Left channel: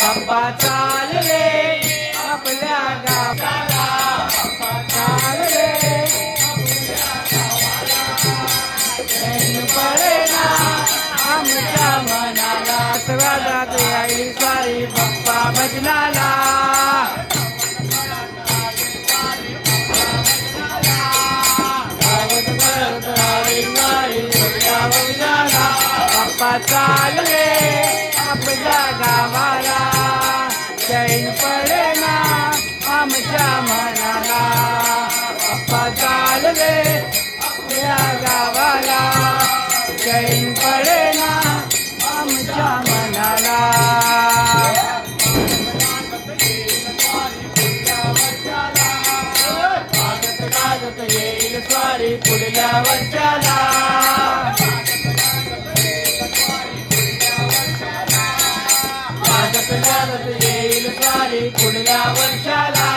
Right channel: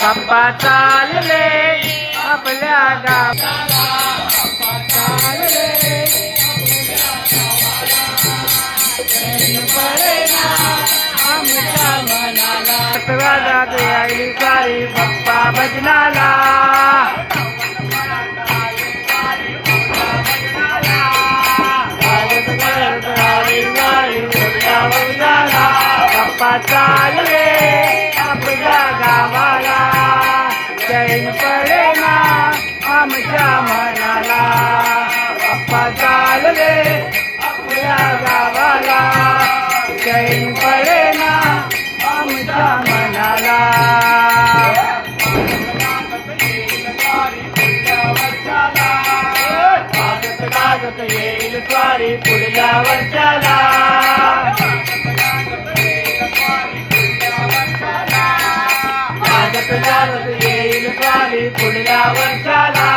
बाप्पा चालले आपल्या गावाला, बाप्पा चालले पडेना आमच्या मनाला, स्वागत आई साई बाप्पा भजनाला, बाप्पा चालले आपल्या गावाला, चैन पडेना आमच्या मनाला, बाप्पा चालले आपल्या गावाला, चैन पडेना आमच्या मनाला. लागत येईल स्वारी पुढल्या वर्षाला, लागत येईल स्वारी पुढल्या वर्षाला,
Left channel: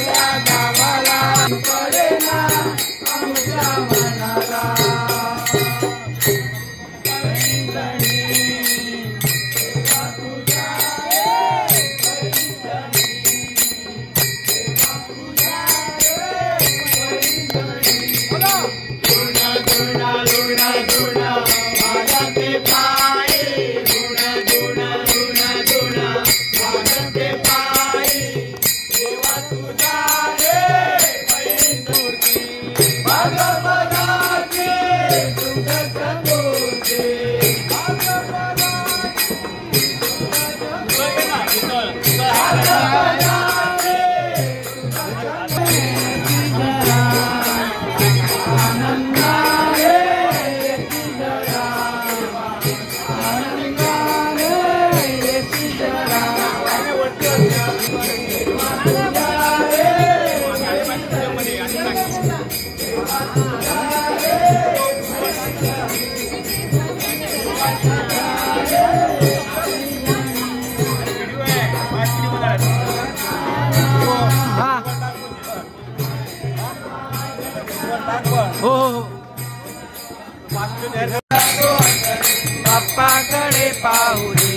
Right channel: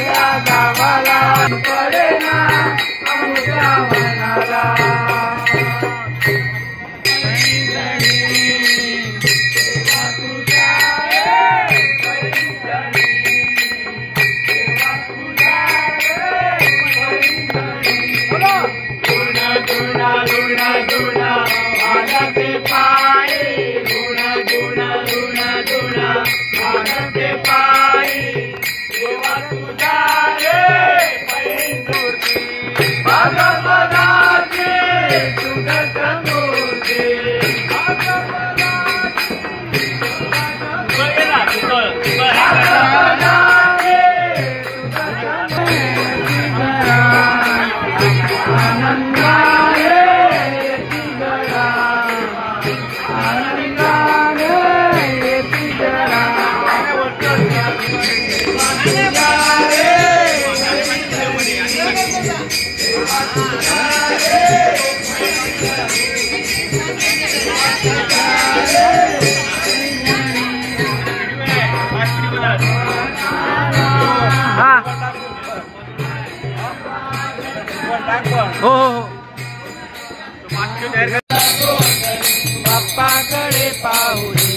या गावाला पडेना आमच्या मनाला. हो बाप्पाकडे पाहू दे,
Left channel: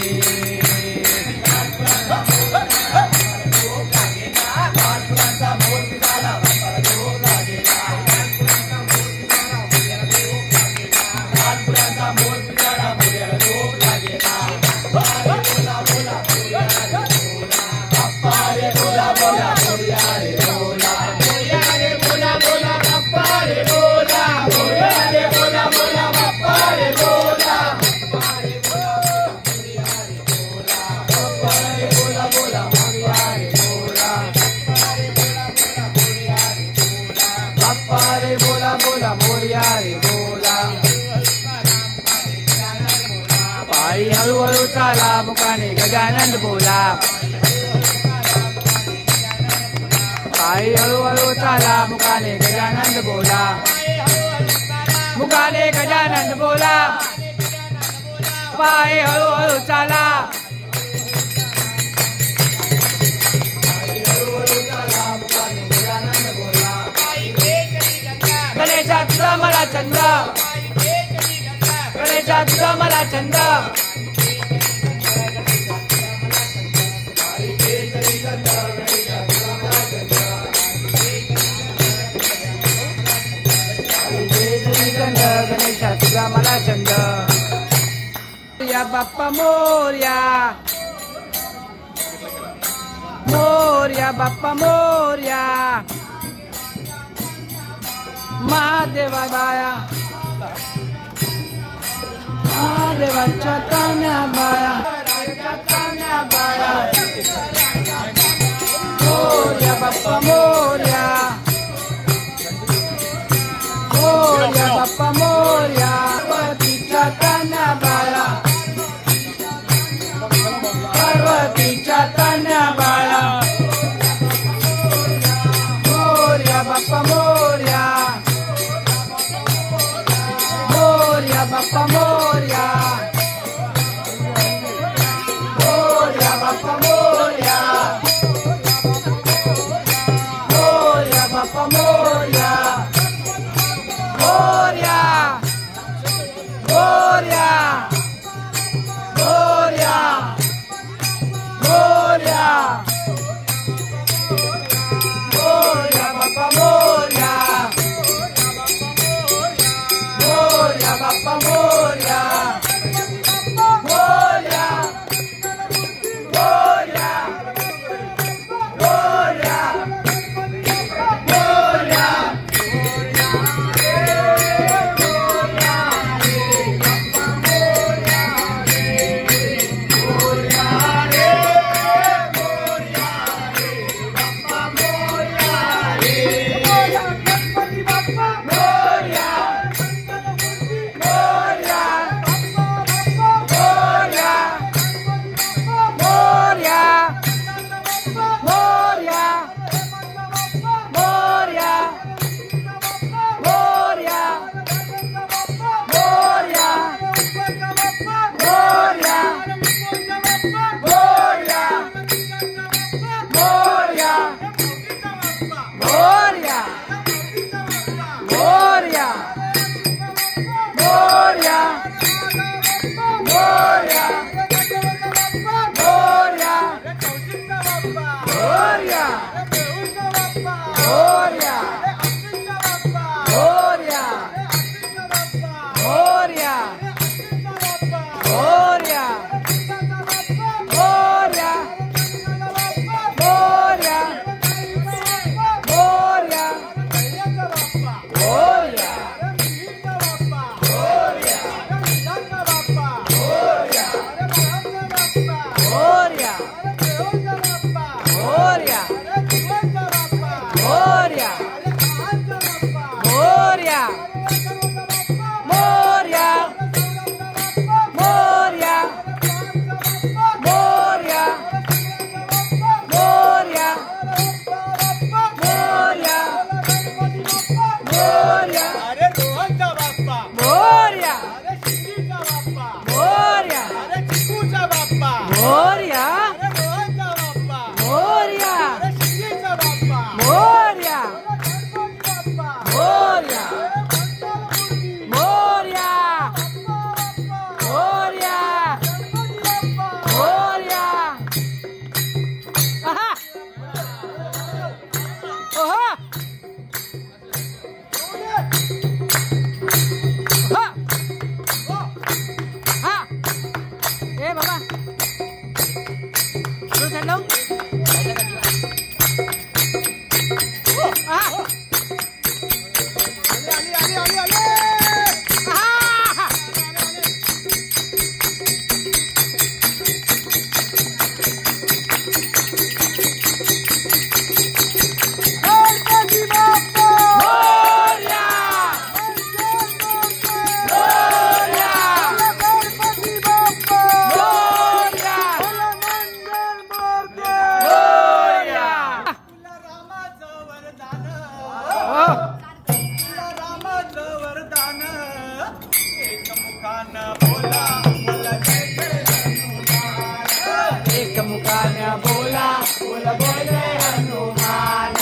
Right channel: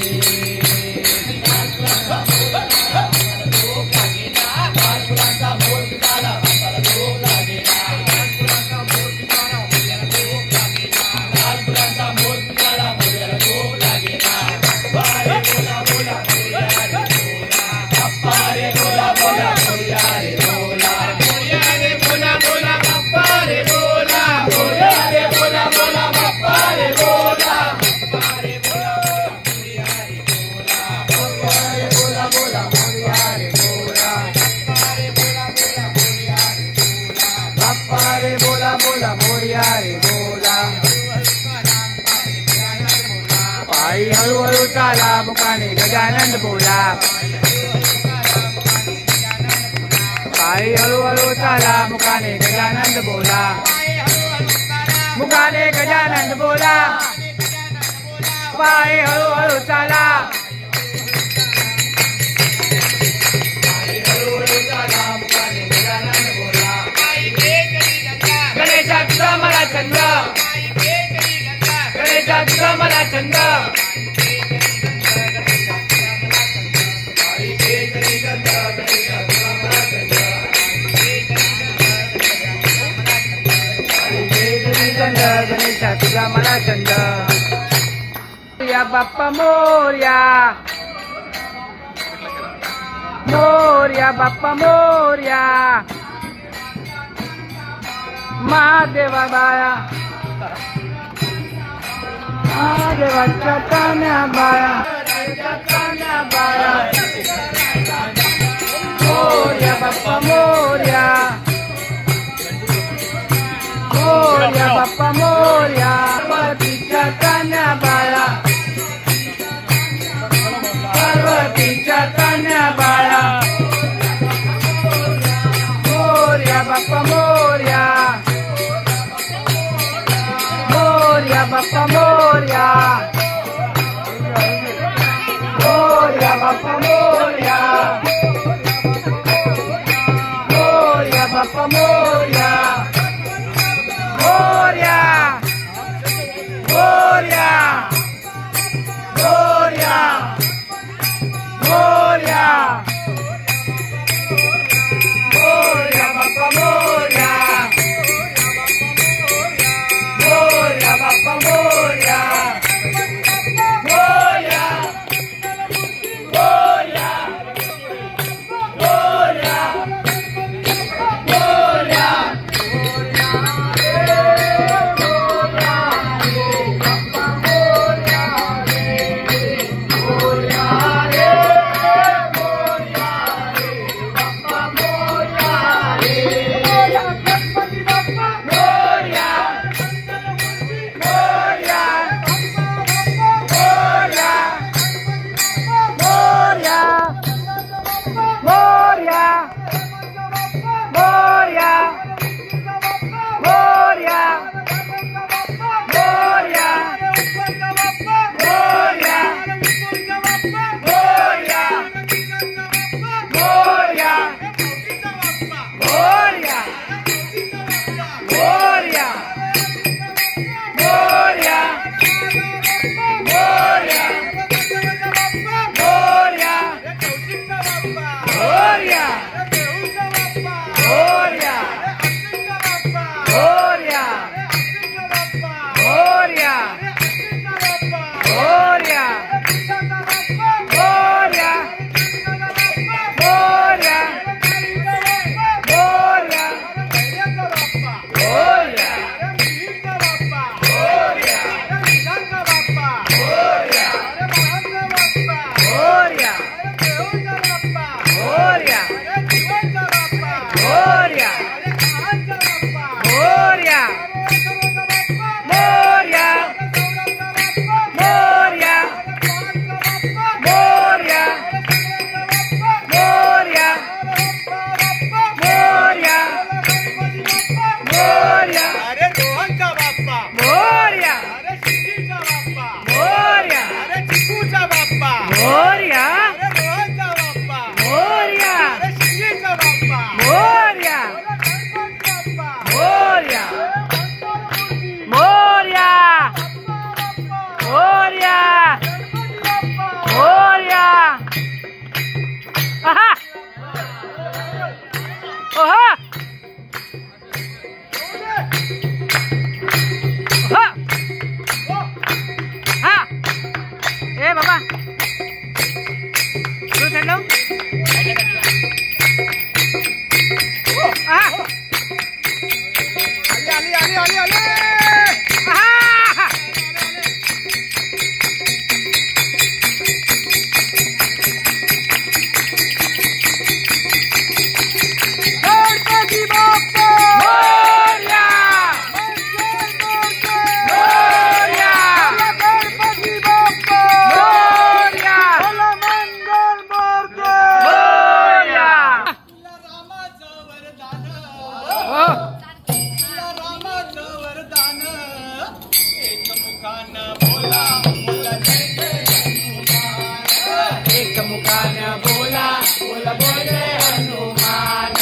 बोला मोरया रे बोला, पायी हळूहळू चाला मुखाने गजानन बोला, पायी हळूहळू चाला मुखाने गजानन बोला, मुखाने गजानन बोला, पायी हळूहळू चाला, गणेशा तुझा मला छंद, गणेशा तुझा मला छंद, गणेशा तुझा मला छंद. या बाप्पा मोरया, मोरया बाप्पा मोरया, महादेवा बाया, महादेवाच्या कान्या बाया, कान्या बाया, मोरया बाप्पा मोरया, मोरया बाप्पा मोरया, पार्वतीच्या कान्या बाया, पार्वतीच्या कान्या बाया, मोरया बाप्पा मोरया, मोरया बाप्पा मोरया, मोरया बाप्पा मोरया, मोरया बाप्पा मोरया, मोरया, मोरया. मोरया मोरया मोरया मोरया मोरया अरे रोहनचा बाप्पा मोरया अरे शिंदीचा बाप्पा मोरया अरे चिकूचा बाप्पा मोरया अरे रोहनचा बाप्पा मोरया अरे शिंदीचा बाप्पा मोरया गणपती बाप्पा मोरया मोरया मोरया मोरया आहा ओहा ओहा हा ए बाबा तू साइड लाव आहा आहा मोरया मोरया मोरया मोरया रामाचं वरदान ओ रामाचं वरदान एकमुखानं बोला बोला जय जय हनुमान एक मुखाने बोला बोला बोले हनुमान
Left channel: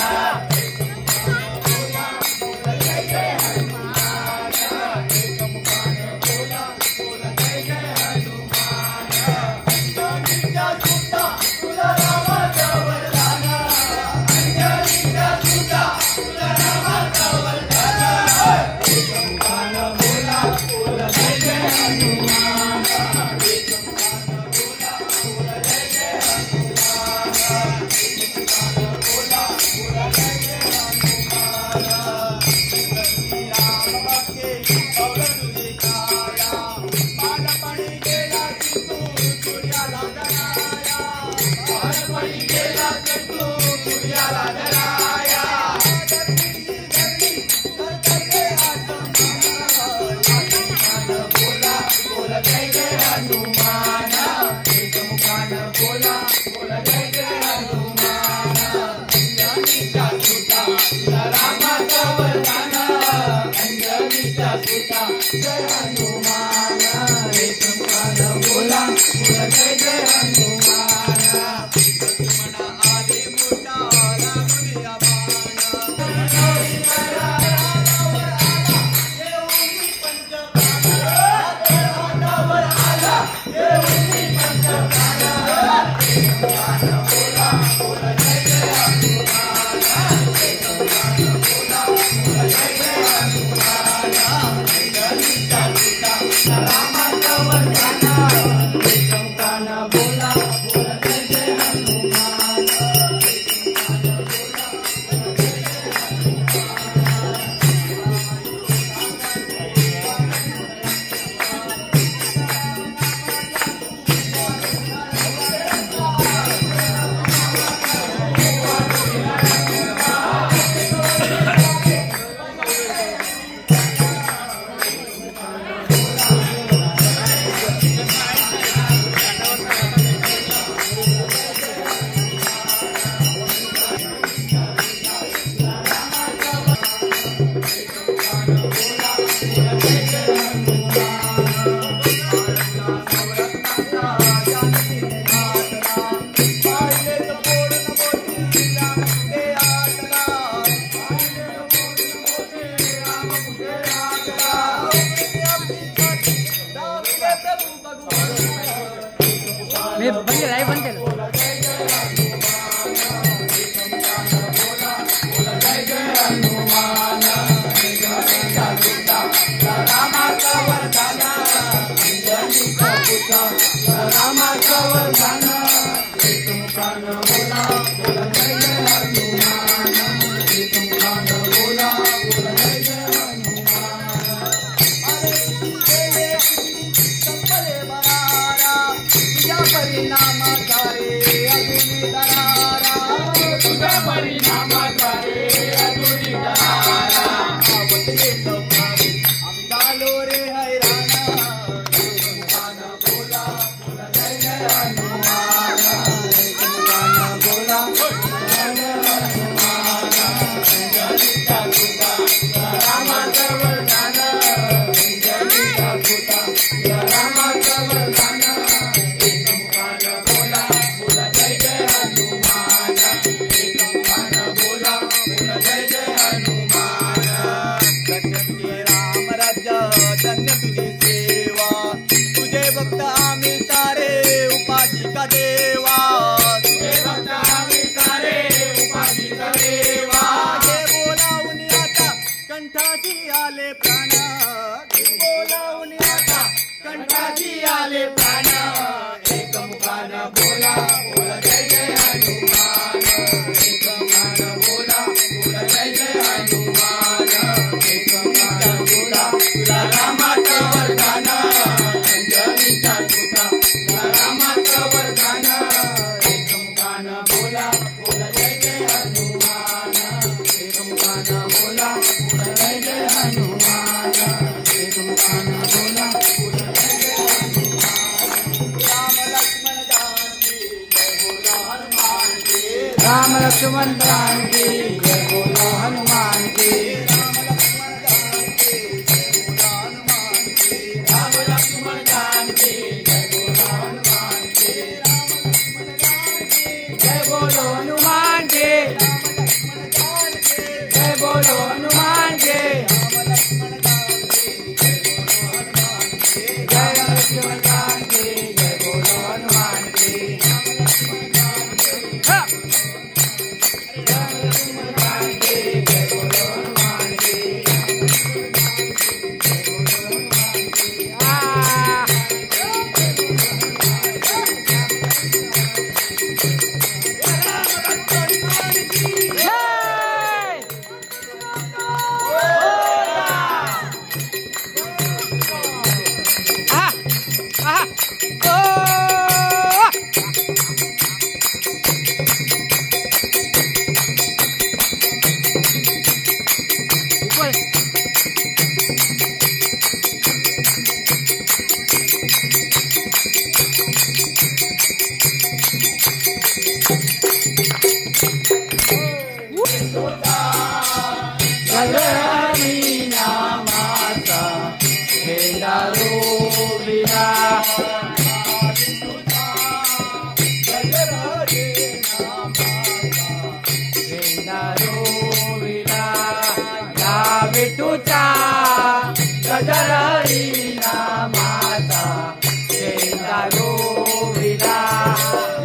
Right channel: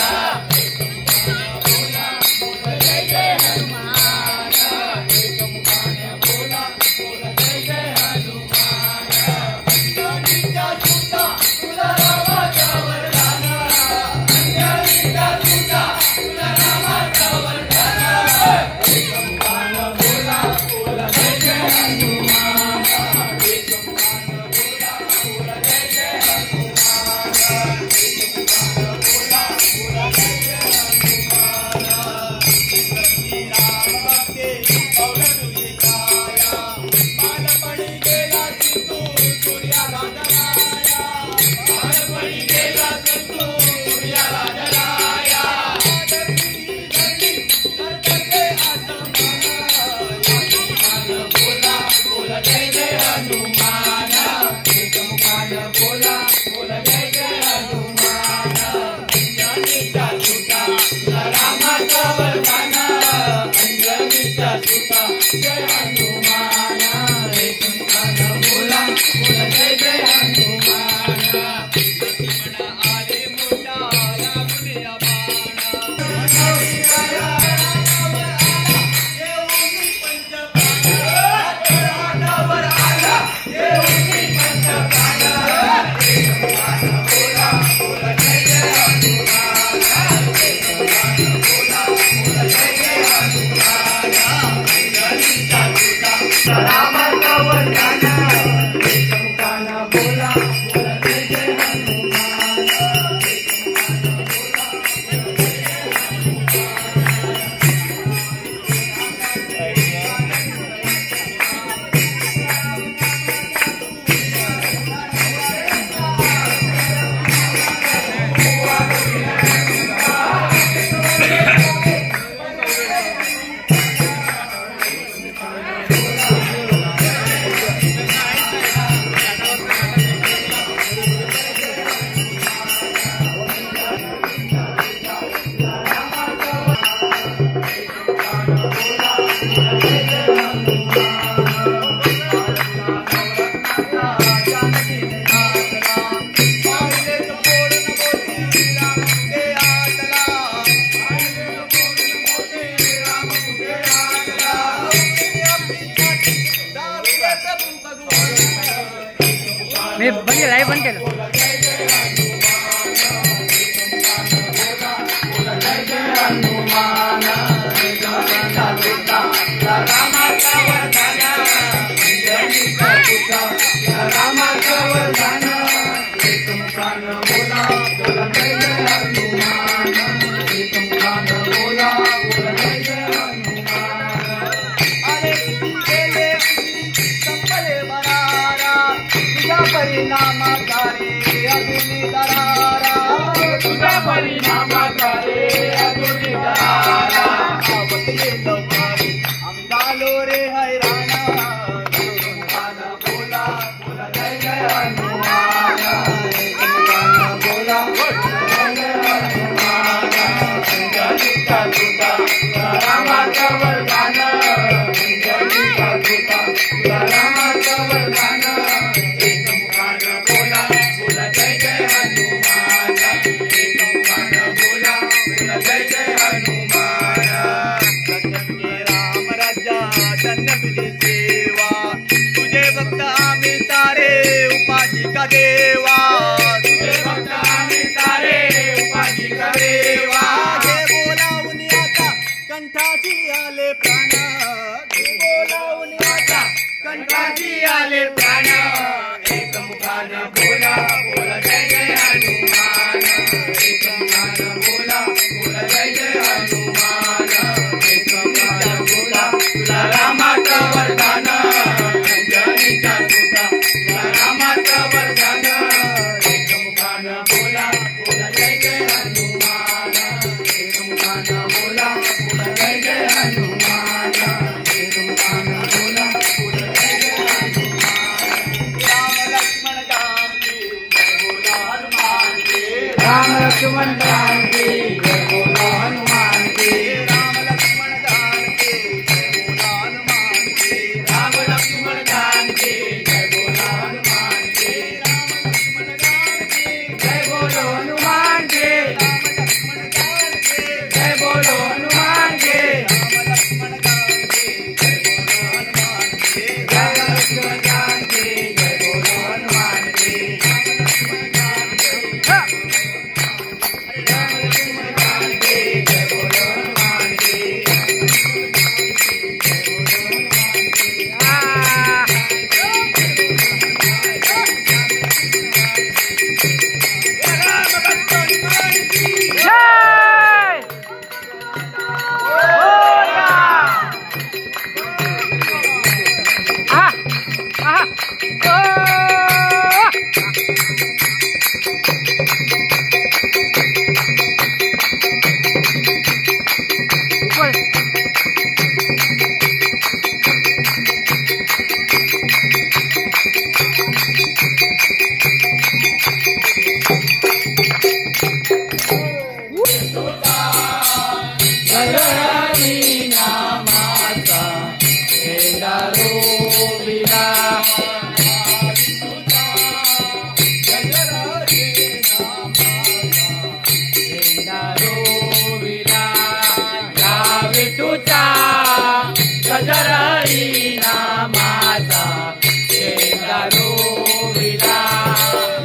मी बंद केलं लाईव्ह बंद केलं परिणामाद्वारे अधुरी दरारा आवडले लवकारी आम्ही झालो रे हैराण देवा तुझे भक्त आम्ही सारे उपाशी करेवा हे बोलावून आता कंठाची आले प्राण हे बोलावून आता कंठाची आले प्राण एकमुखान बोला बोल जय जय हनुमान एकमुखान बोला बोल जय जय हनुमान एकमुखान बोला तुला रामाचं वरदान अंजनीचा सुता तुला रामाचं वरदान एकमुखान बोला बोल जय जय हनुमान एकमुखान बोला बोल जय जय हनुमान एकमुखान बोला बोल जय जय राम लक्ष्मण जानकी जय बोलो हनुमान की राम लक्ष्मण जानकी जय बोलो हनुमान की जय बोलो हनुमान की जय बोलो हनुमान की जय लक्ष्मण जानकी जय बोलो हनुमान की गजरळी नामाचा शेंगारो विला या विठूचा गजरळी नामाचा शेंगारो विला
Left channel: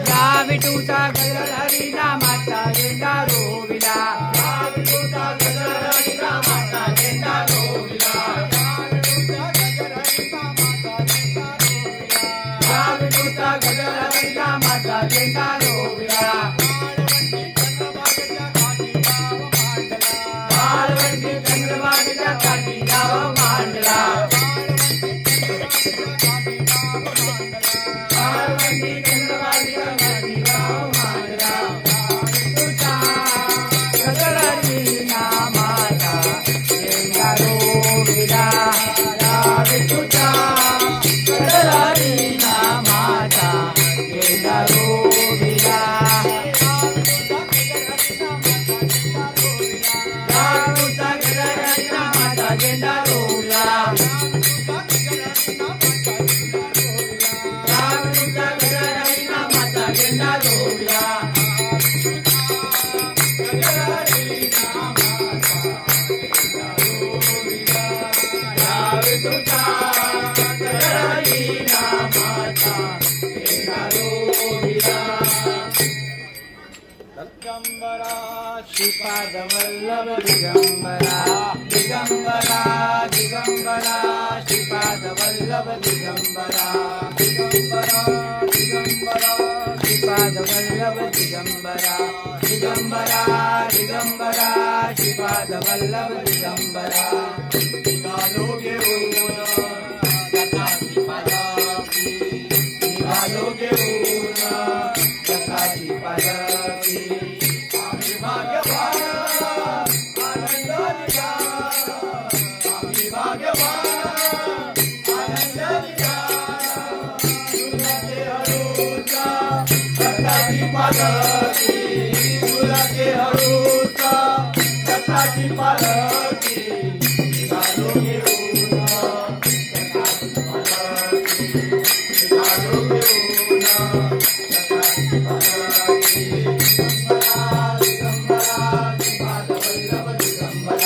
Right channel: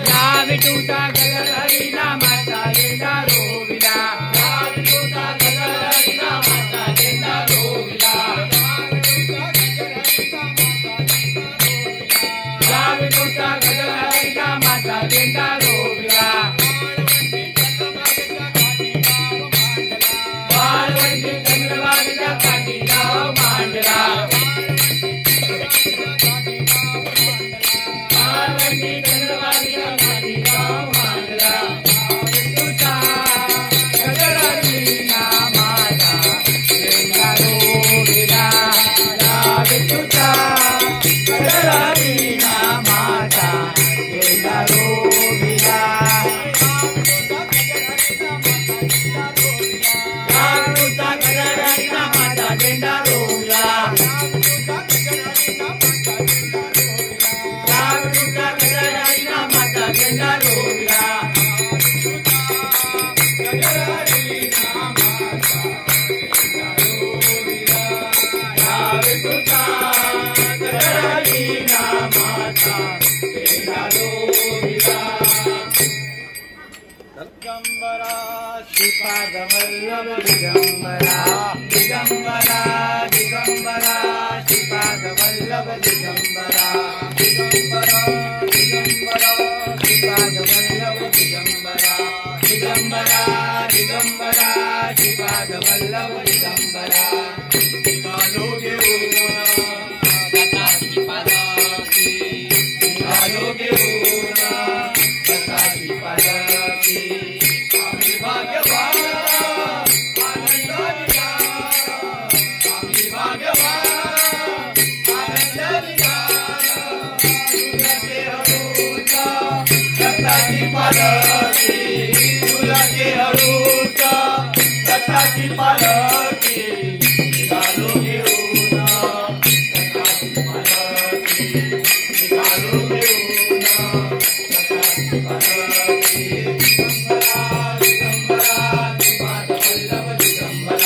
या विठूचा गजरळी नामाचा शेंगारो विला या विठूचा गजरळी नामाचा शेंगारो विला पार्वती चंद्रभागेच्या काठी गाव मांडला पार्वती चंद्रभागेच्या काठी गाव मांडला तुझा गजरळी नामाचा शेंगारो विला या विठूचा गजरळी नामाचा शेंगारो विला झेंडा रोवला रावणूचा गजरळी नामाचा झेंडा रोवला गजरळी नामाचा झेंडा रोवला या विठूचा गजरळी नामाचा झेंडा रोवला दिगंबरा श्रीपाद वल्लभ दिगंबरा दिगंबरा दिगंबरा श्रीपाद वल्लभ दिगंबरा दिगंबरा दिगंबरा श्रीपाद वल्लभ दिगंबरा दिगंबरा दिगंबरा श्रीपाद वल्लभ दिगंबरा निघालो घेऊन दत्ताची पालखी निघालो घेऊन दत्ताची पालखी आम्ही भाग्यवान आनंदाने जा आम्ही भाग्यवान आनंदाने जा तुला के हरूचा दत्ताची पालखी तुला के हरूचा दत्ताची पालखी निघालो घेऊन दत्ताची पालखी निघालो घेऊन दत्ताची पालखी दिगंबरा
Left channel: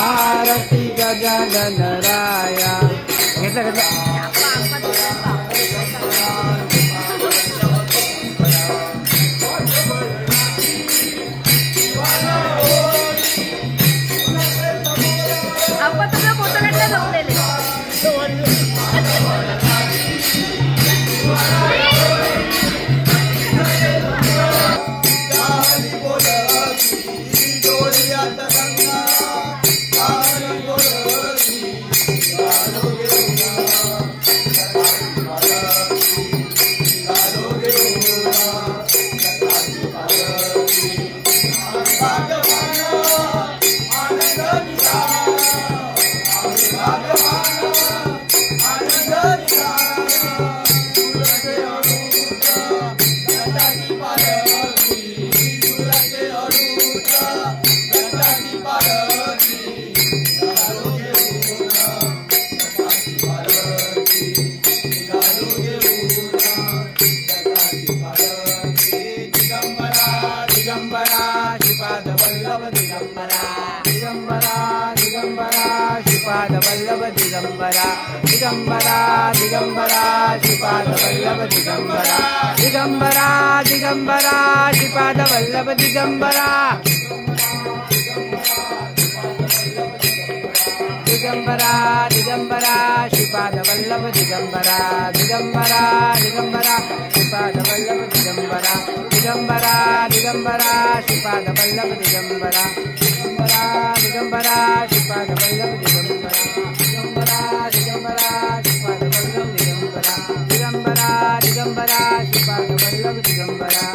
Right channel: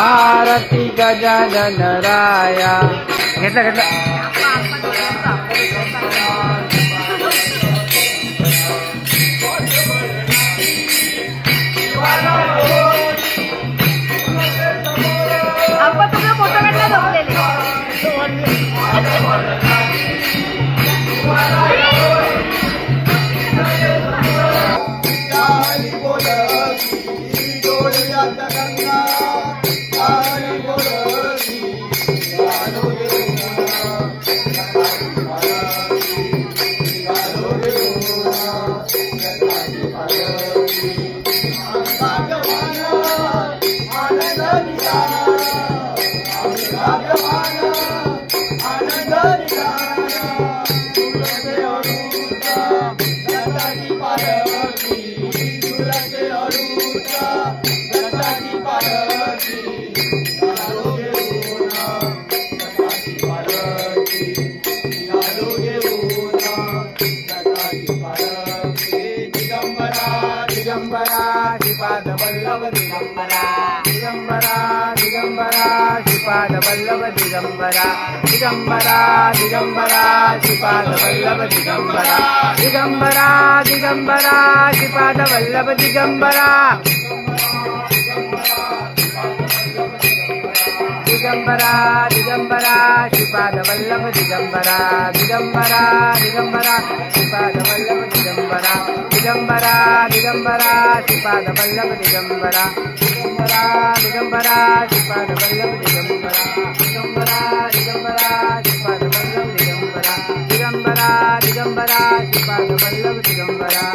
आरती गजानन राया. घेतला घेतला. आपण तुमचा फोटो काढला जमलेले. दिगंबरा दिगंबरा दिगंबरा श्रीपाद वल्लभ दिगंबरा दिगंबरा दिगंबरा श्रीपाद वल्लभ दिगंबरा दिगंबरा दिगंबरा श्रीपाद वल्लभ दिगंबरा दिगंबरा दिगंबरा श्रीपाद वल्लभ दिगंबरा दिगंबरा दिगंबरा श्रीपाद वल्लभ दिगंबरा दिगंबरा दिगंबरा श्रीपाद वल्लभ दिगंबरा दिगंबरा दिगंबरा श्रीपाद वल्लभ दिगंबरा दिगंबरा दिगंबरा श्रीपाद वल्लभ दिगंबरा दिगंबरा दिगंबरा श्रीपाद वल्लभ दिगंबरा.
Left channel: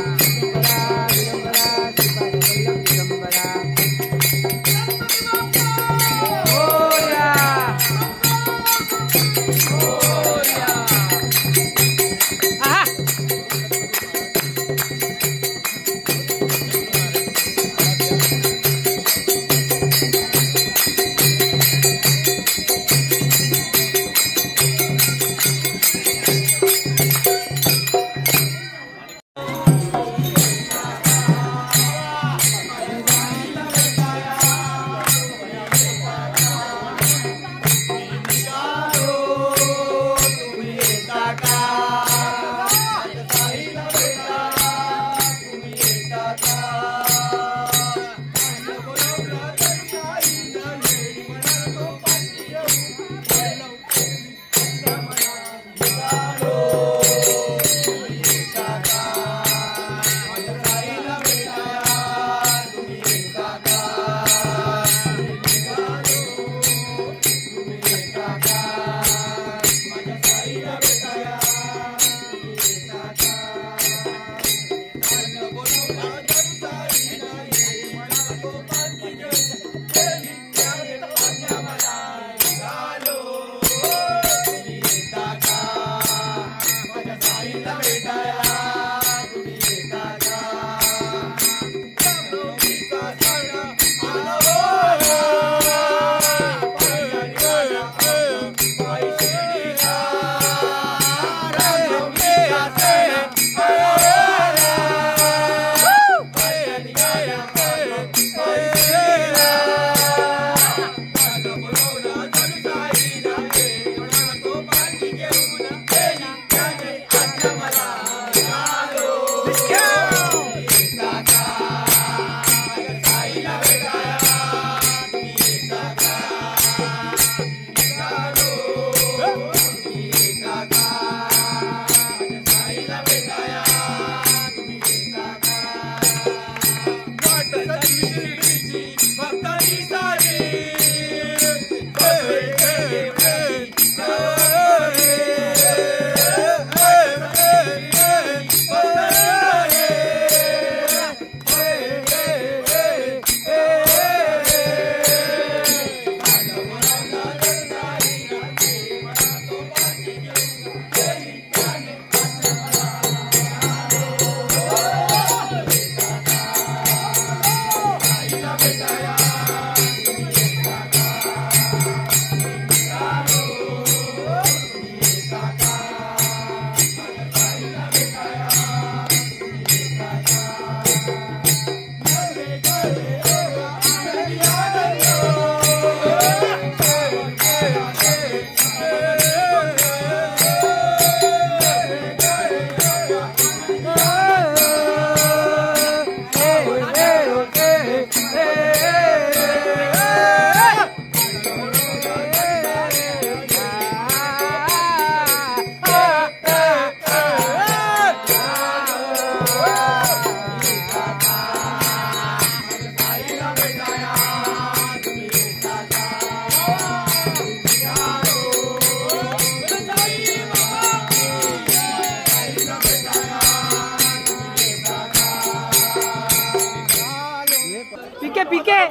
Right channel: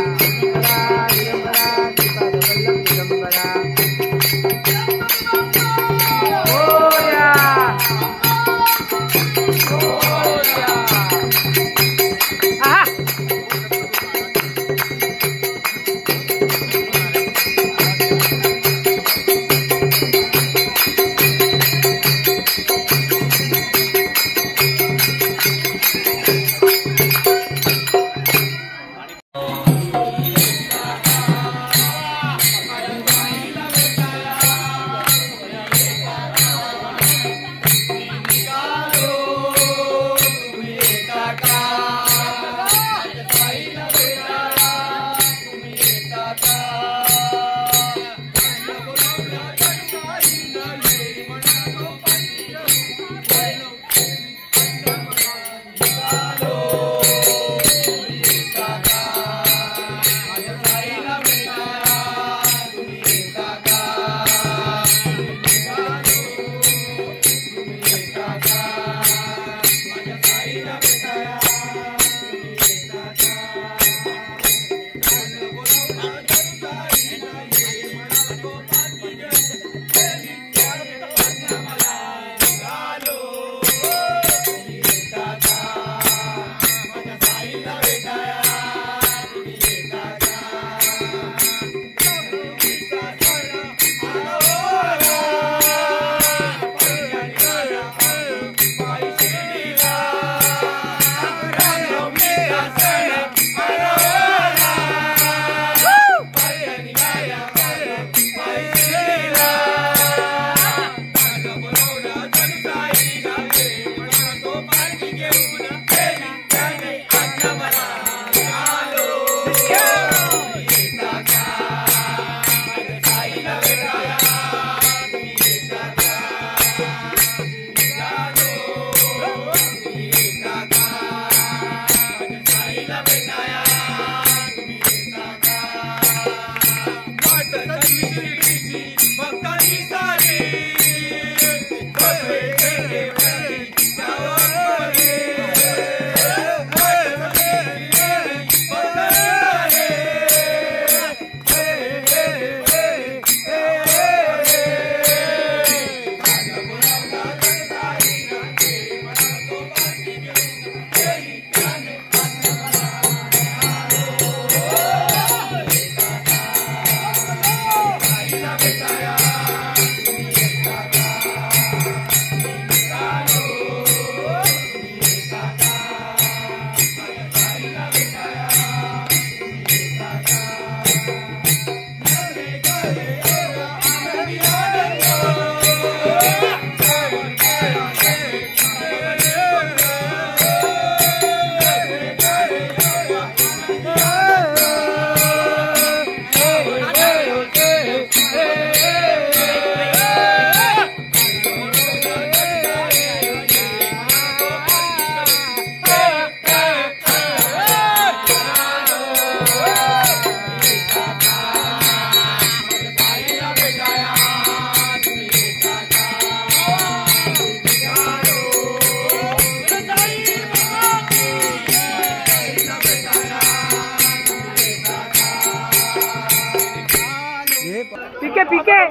पिके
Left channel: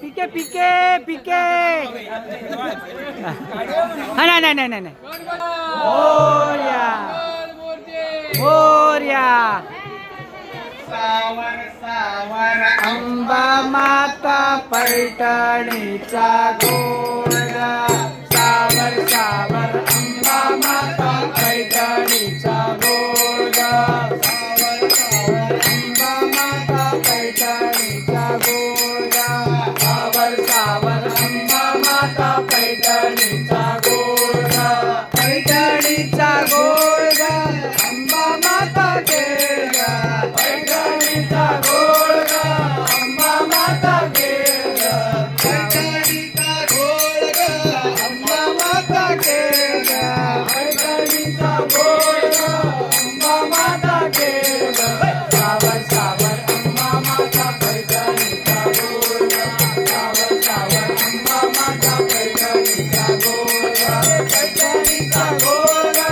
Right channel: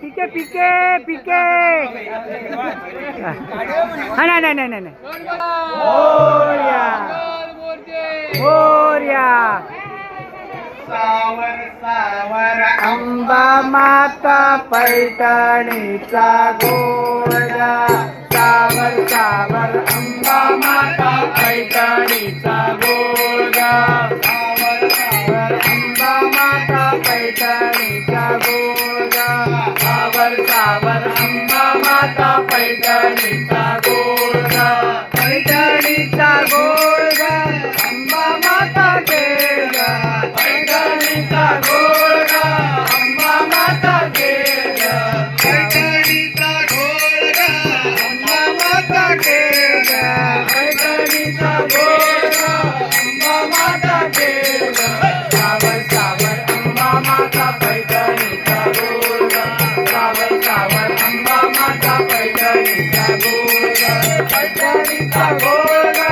पिके पिके पिके हा नाही मोरया सावर सावर अंबा माता पैठणीचा गोरा सावर सावर अंबा माता पैठणीचा गोरा सावर सावर अंबा माता पैठणीचा गोरा सावर सावर अंबा माता पैठणीचा गोरा पैठणीचा गोरा अंबा माता गेला पैठणीचा गोरा अंबा माता गेला पैठणीचा गोरा अंबा माता गेला पैठणीचा गोरा अंबा माता गेला सावर सावर अंबा माता पैठणीचा गोरा सावर सावर अंबा माता पैठणीचा गोरा पैठणीचा गोरा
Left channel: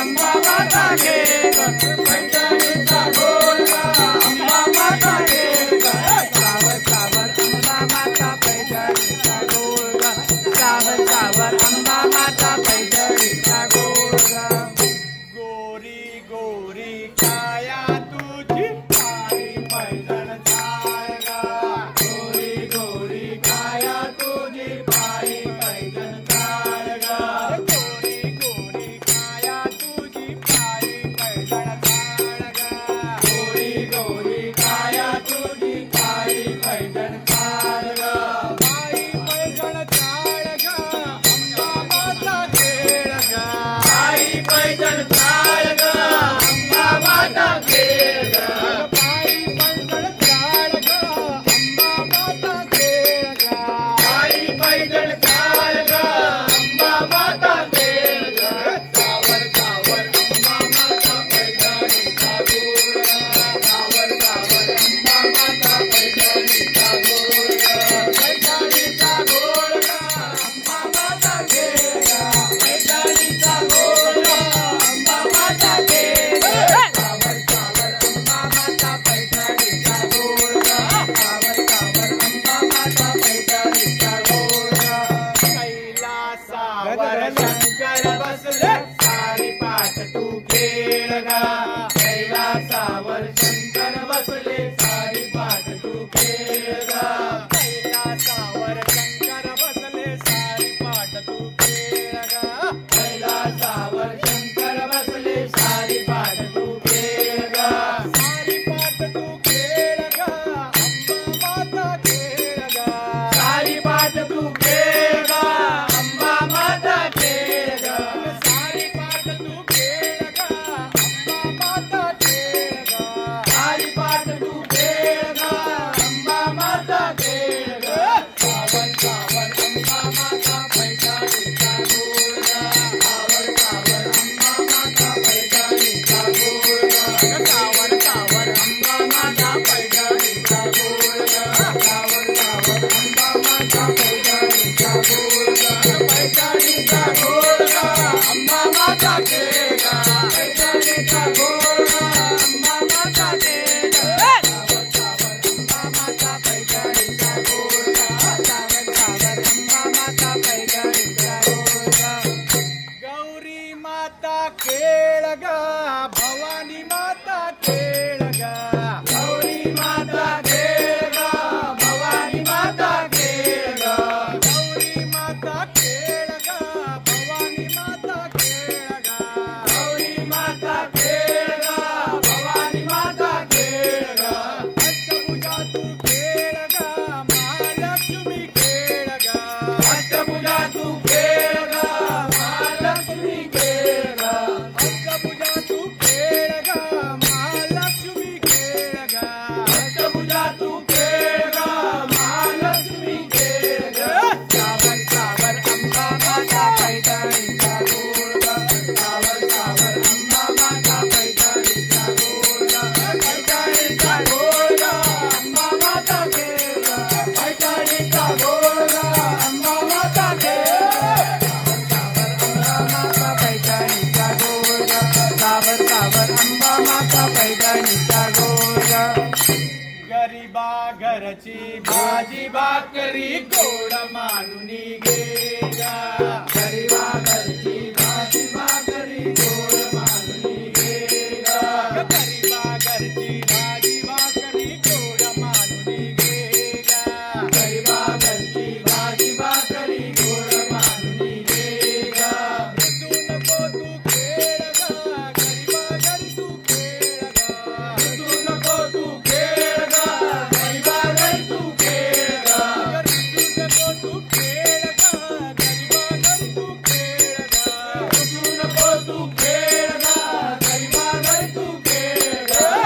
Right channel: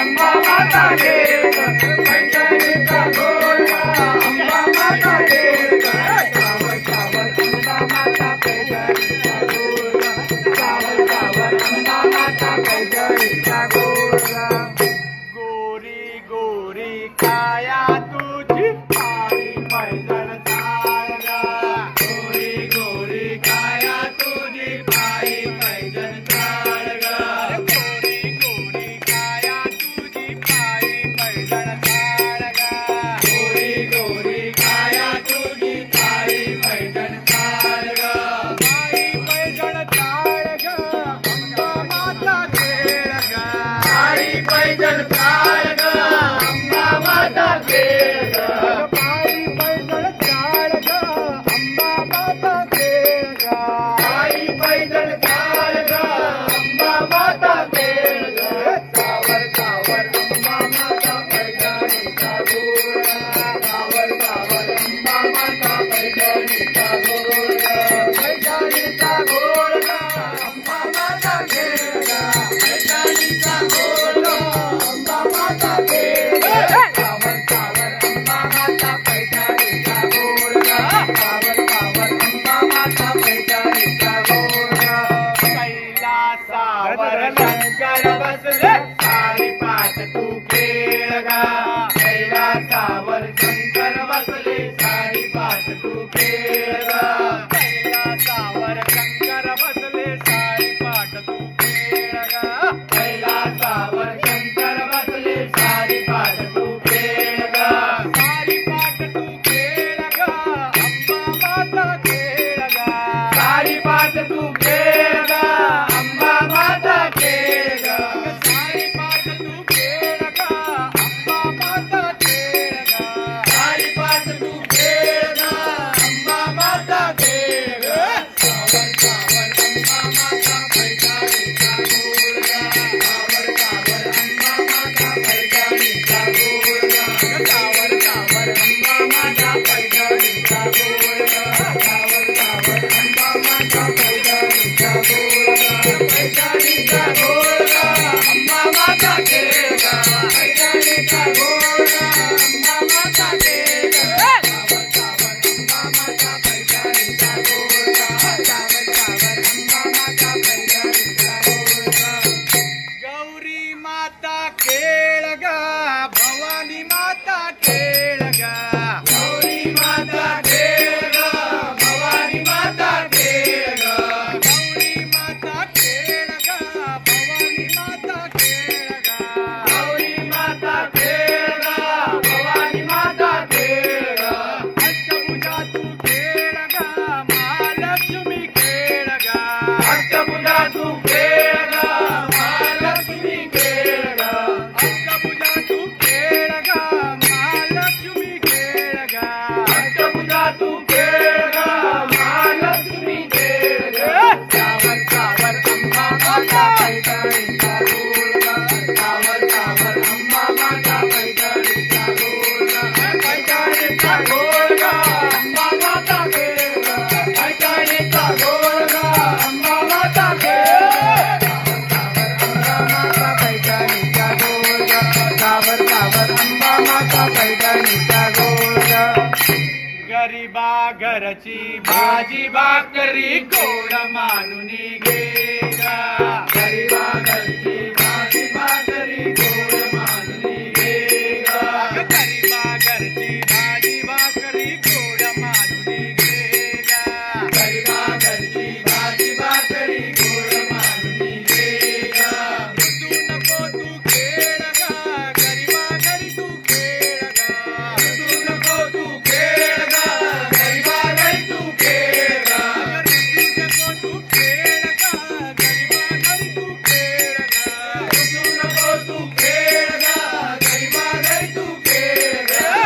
अंबा माता गेला पैठणीचा गोरा अंबा माता गेला सावर सावर अंबा माता पैठणीचा गोरा सावर सावर अंबा माता पैठणीचा गोरा गोरी गोरी काया तुझी पायी पैदल चालगा गोरी गोरी काया तुझी पायी पैदल चालगा गोरी गोरी काया तुझी पायी पैदल चालगा गोरी गोरी काया तुझी पायी पैदल चालगा पायी पैदल चालगा अंबा माता खेळगा पायी पैदल चालगा अंबा माता खेळगा पायी पैदल चालगा अंबा माता खेळगा पायी पैदल चालगा अंबा माता खेळगा सावर सावर अंबा माता पैठणीचा गोरा सावर सावर अंबा माता पैठणीचा गोरा पैठणीचा गोरा अंबा माता खेळगा पैठणीचा गोरा अंबा माता खेळगा सावर सावर अंबा माता पैठणीचा गोरा सावर सावर अंबा माता पैठणीचा गोरा कैलासावर शंकर बसले सारी पाठ तू खेळगा कैलासावर शंकर बसले सारी पाठ तू खेळगा कैलासावर शंकर बसले सारी पाठ तू खेळगा कैलासावर शंकर बसले सारी पाठ तू खेळगा सारी पाठ तू खेळगा अंबा माता खेळगा सारी पाठ तू खेळगा अंबा माता खेळगा सारी पाठ तू खेळगा अंबा माता खेळगा सारी पाठ तू खेळगा अंबा माता खेळगा सावर सावर अंबा माता पैठणीचा गोरा सावर सावर अंबा माता पैठणीचा गोरा सावर सावर अंबा माता पैठणीचा गोरा सावर सावर अंबा माता पैठणीचा गोरा पैठणीचा गोरा अंबा माता खेळगा पैठणीचा गोरा अंबा माता खेळगा सावर सावर अंबा माता पैठणीचा गोरा सावर सावर अंबा माता पैठणीचा गोरा गौरी माता खेळगा भवानी माता खेळगा गौरी माता खेळगा भवानी माता खेळगा गौरी माता खेळगा भवानी माता खेळगा गौरी माता खेळगा भवानी माता खेळगा अष्टभुजा तू खेळगा महालक्ष्मी खेळगा अष्टभुजा तू खेळगा महालक्ष्मी खेळगा अष्टभुजा तू खेळगा महालक्ष्मी खेळगा अष्टभुजा तू खेळगा महालक्ष्मी खेळगा सावर सावर अंबा माता पैठणीचा गोरा सावर सावर अंबा माता पैठणीचा गोरा पैठणीचा गोरा अंबा माता खेळगा पैठणीचा गोरा अंबा माता खेळगा सावर सावर अंबा माता पैठणीचा गोरा सावर सावर अंबा माता पैठणीचा गोरा गरीबा घरची भाजी भाकरी गोड मानून घे ग गरिबा घरची भाजी भाकरी गोड मानून घे ग गरिबा घरची भाजी भाकरी गोड मानून घे ग गरिबा घरची भाजी भाकरी गोड मानून घे ग तू नको तू खेळ ग गरिबा घरी तू खेळ ग तू नको तू खेळ ग गरिबा घरी तू खेळ ग तू नको तू खेळ ग गरिबा घरी तू खेळ ग तू नको तू खेळ ग गरिबा घरी तू खेळ ग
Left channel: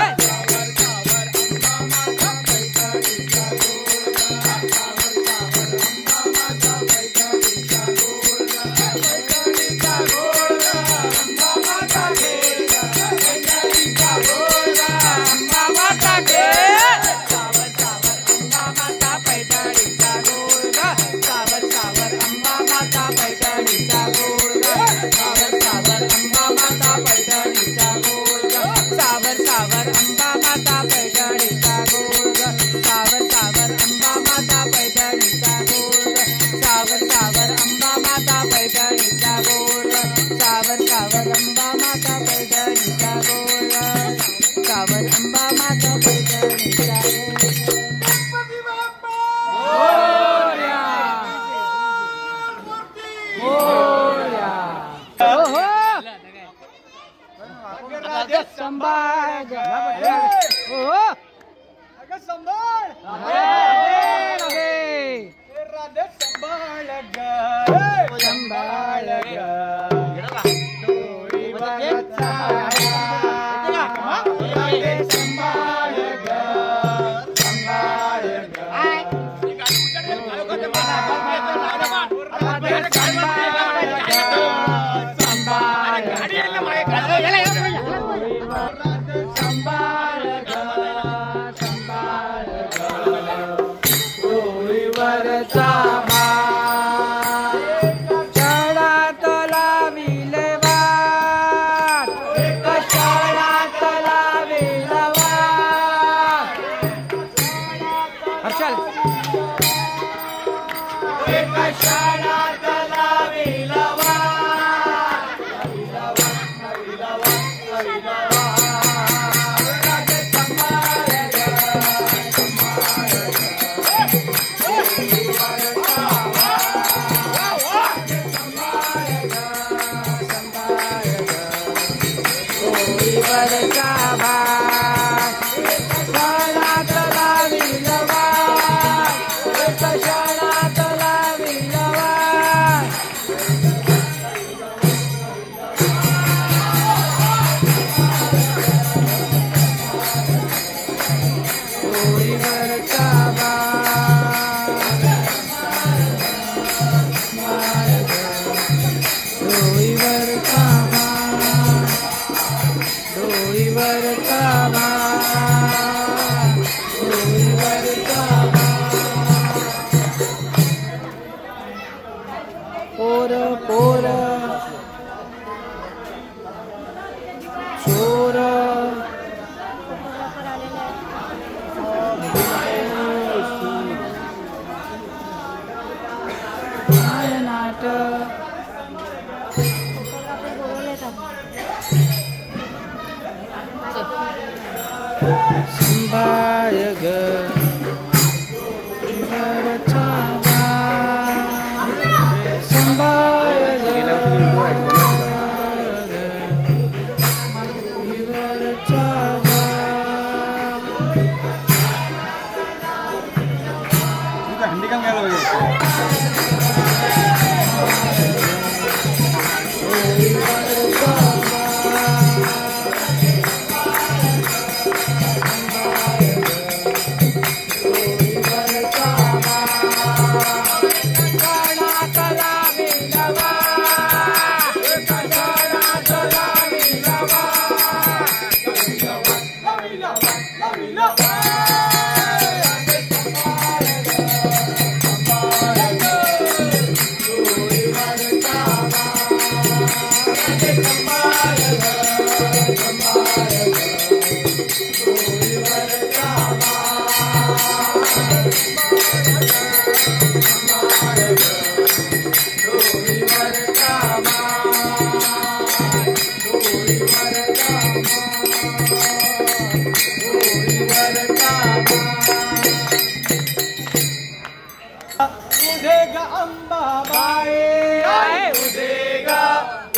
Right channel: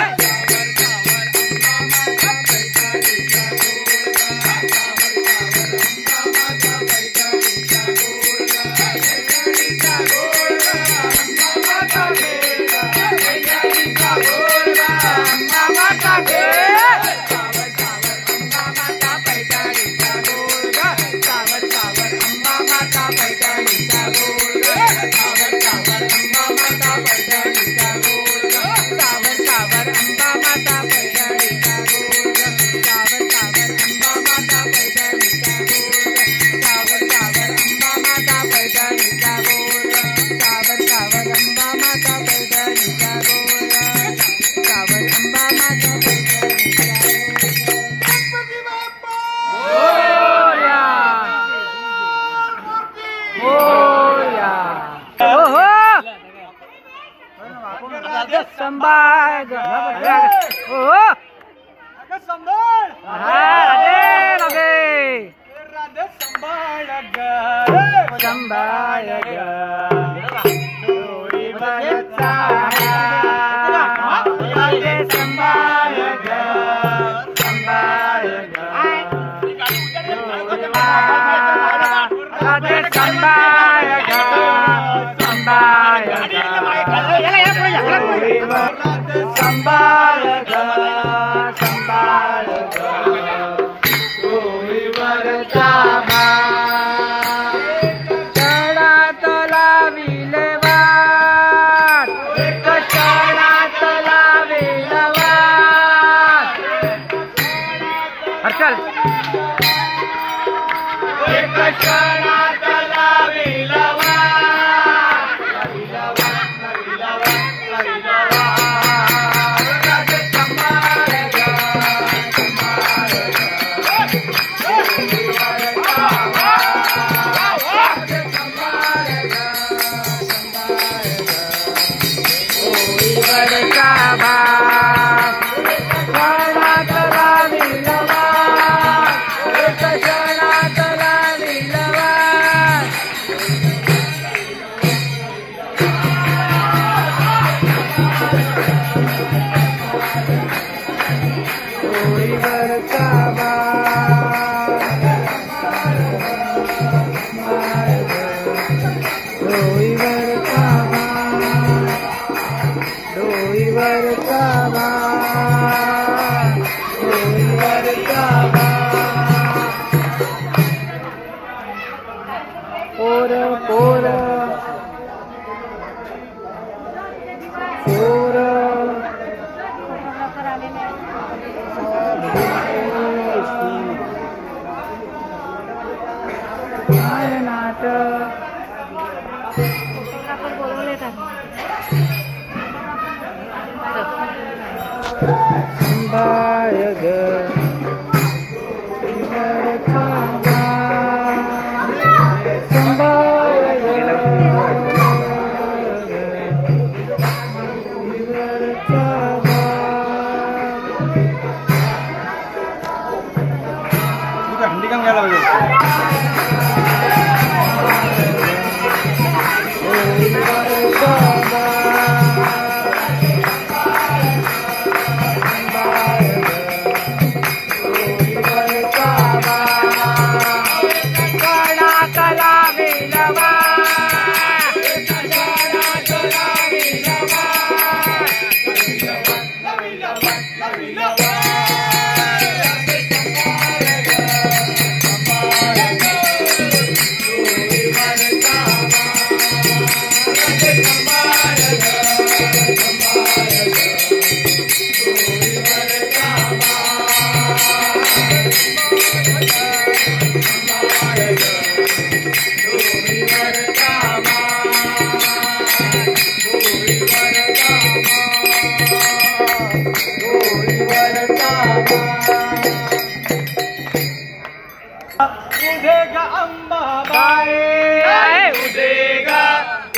अंबाबाई उदेगा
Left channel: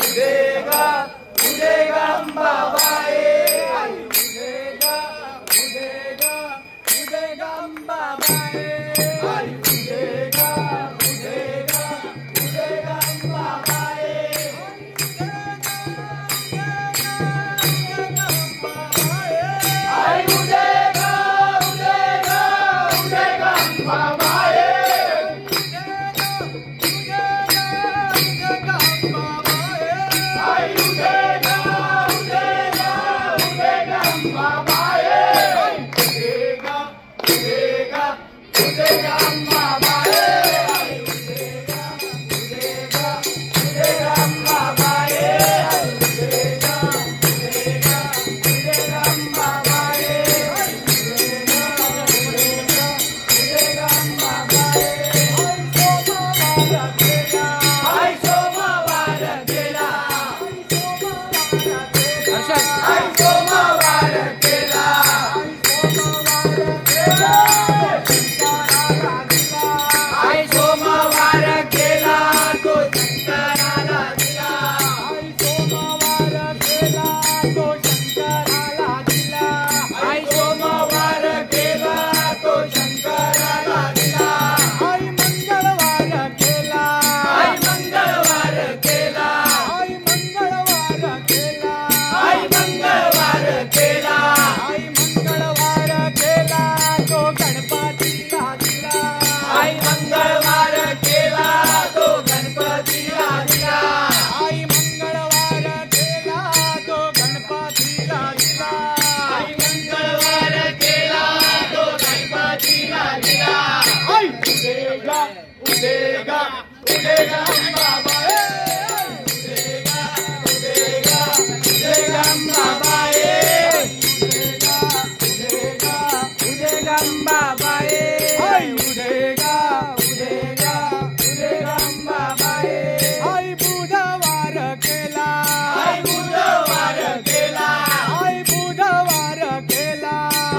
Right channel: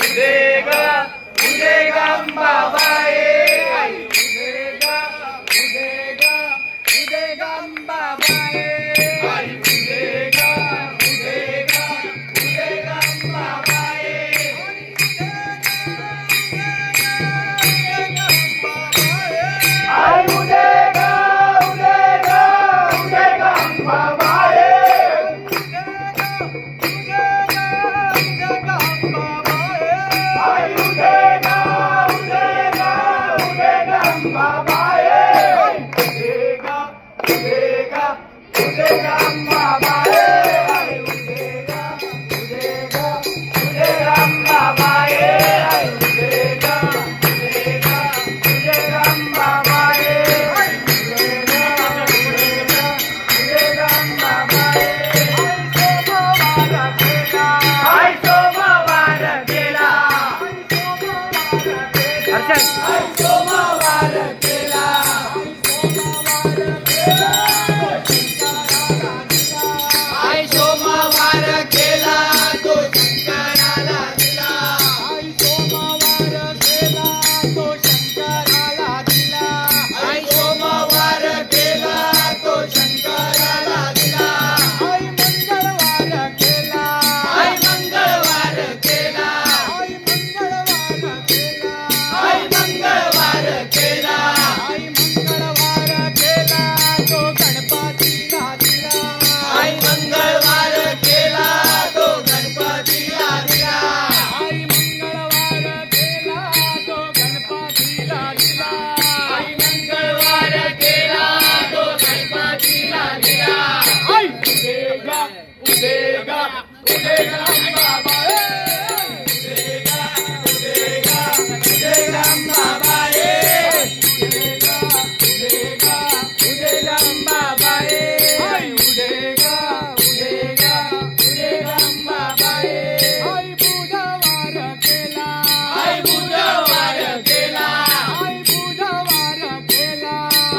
उदेगा उदेगा अंबाबाई उदेगा उदेगा उदेगा अंबाबाई उदेगा उदेगा उदेगा अंबाबाई उदेगा उदेगा उदेगा अंबाबाई उदेगा उदेगा उदेगा अंबाबाई उदेगा उदेगा उदेगा अंबाबाई उदेगा उदेगा उदेगा अंबाबाई उदेगा उदेगा उदेगा अंबाबाई उदेगा उदेगा उदेगा अंबाबाई आई सोमवार केला हर्षद आई सोमवार केला आई सोमवार केला तो शंकराला दिला आई सोमवार केला तो शंकराला दिला आई मंगळवार केला आई मंगळवार केला आई मंगळवार केला तो गणपतीला दिला आई मंगळवार केला तो गणपतीला दिला उदेगा उदेगा उदेगा अंबाबाई उदेगा उदेगा उदेगा अंबाबाई उदेगा उदेगा उदेगा अंबाबाई उदेगा उदेगा उदेगा अंबाबाई आई बुधवार केला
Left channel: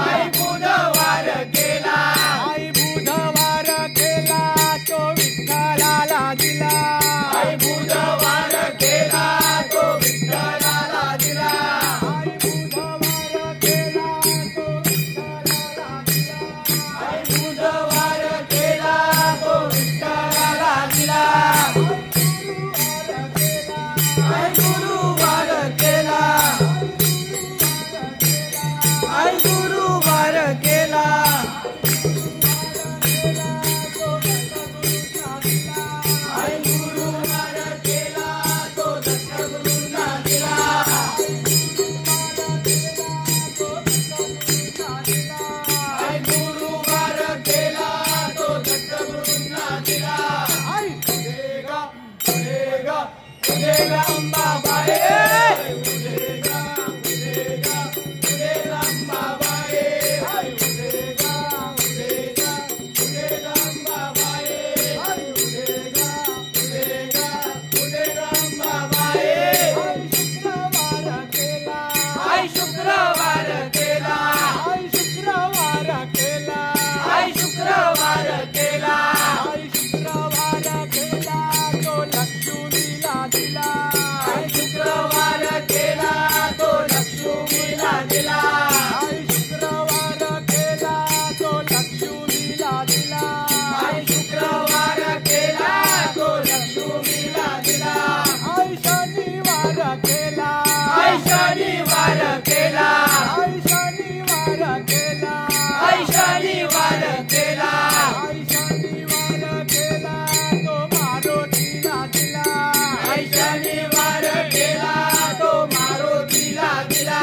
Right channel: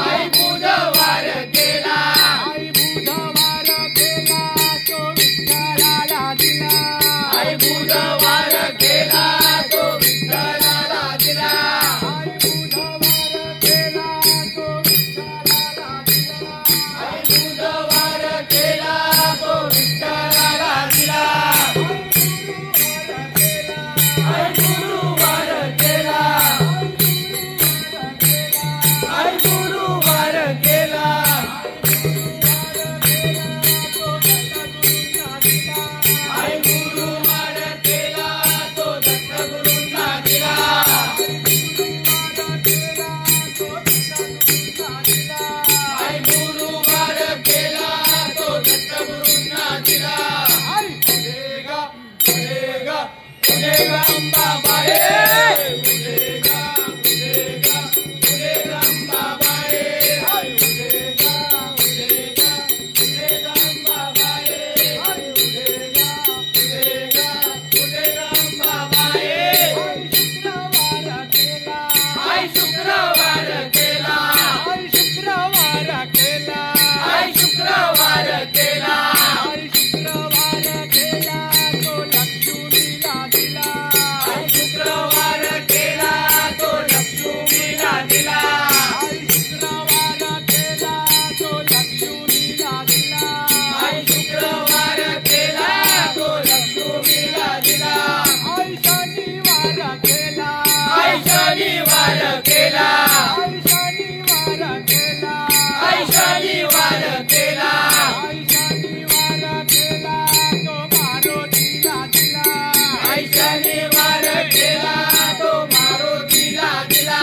आई बुधवार केला आई बुधवार केला तो विठ्ठलाला दिला आई बुधवार केला तो विठ्ठलाला दिला आई गुरुवार केला आई गुरुवार केला आई गुरुवार केला तो दत्तगुरूंना दिला आई गुरुवार केला तो दत्तगुरूंना दिला उदेगा उदेगा उदेगा अंबाबाई उदेगा उदेगा उदेगा अंबाबाई उदेगा उदेगा उदेगा अंबाबाई उदेगा उदेगा उदेगा अंबाबाई आई शुक्रवार केला आई शुक्रवार केला आई शुक्रवार केला आई शुक्रवार केला तो लक्ष्मीला दिला आई शुक्रवार केला तो लक्ष्मीला दिला आई शनिवार केला आई शनिवार केला आई शनिवार केला तो मारुतीला दिला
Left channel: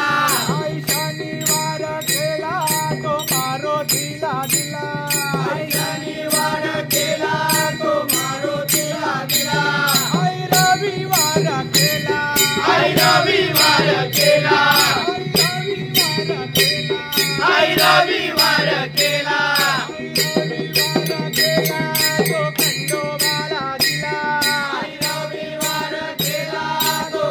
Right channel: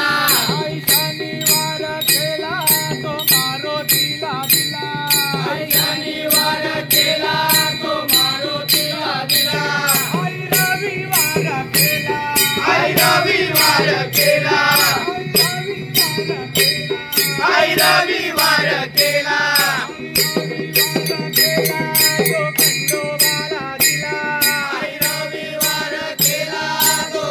आई शनिवार केला तो मारुतीला दिला आई शनिवार केला तो मारुतीला दिला आई रविवार केला आई रविवार केला आई रविवार केला आई रविवार केला तो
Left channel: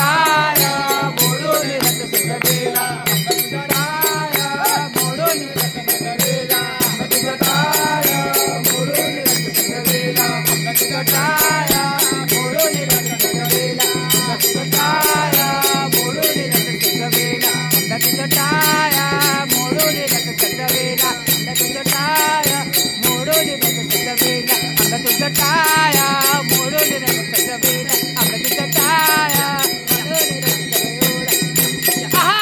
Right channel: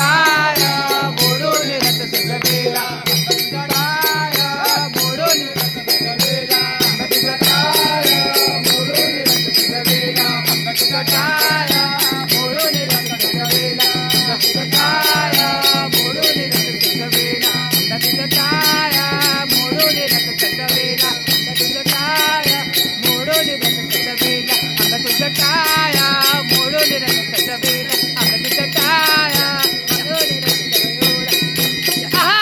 टाय मोडून रथ सजवेला टाय मोडून रथ सजवेला टाय मोडून रथ सजवेला टाय मोडून रथ सजवेला टाय मोडून रथ सजवेला टाय मोडून रथ सजवेला टाय मोडून रथ सजवेला अंग तुझं टाया मोडून रथ सजवेला अंग तुझं टाया मोडून रथ सजवेला आहा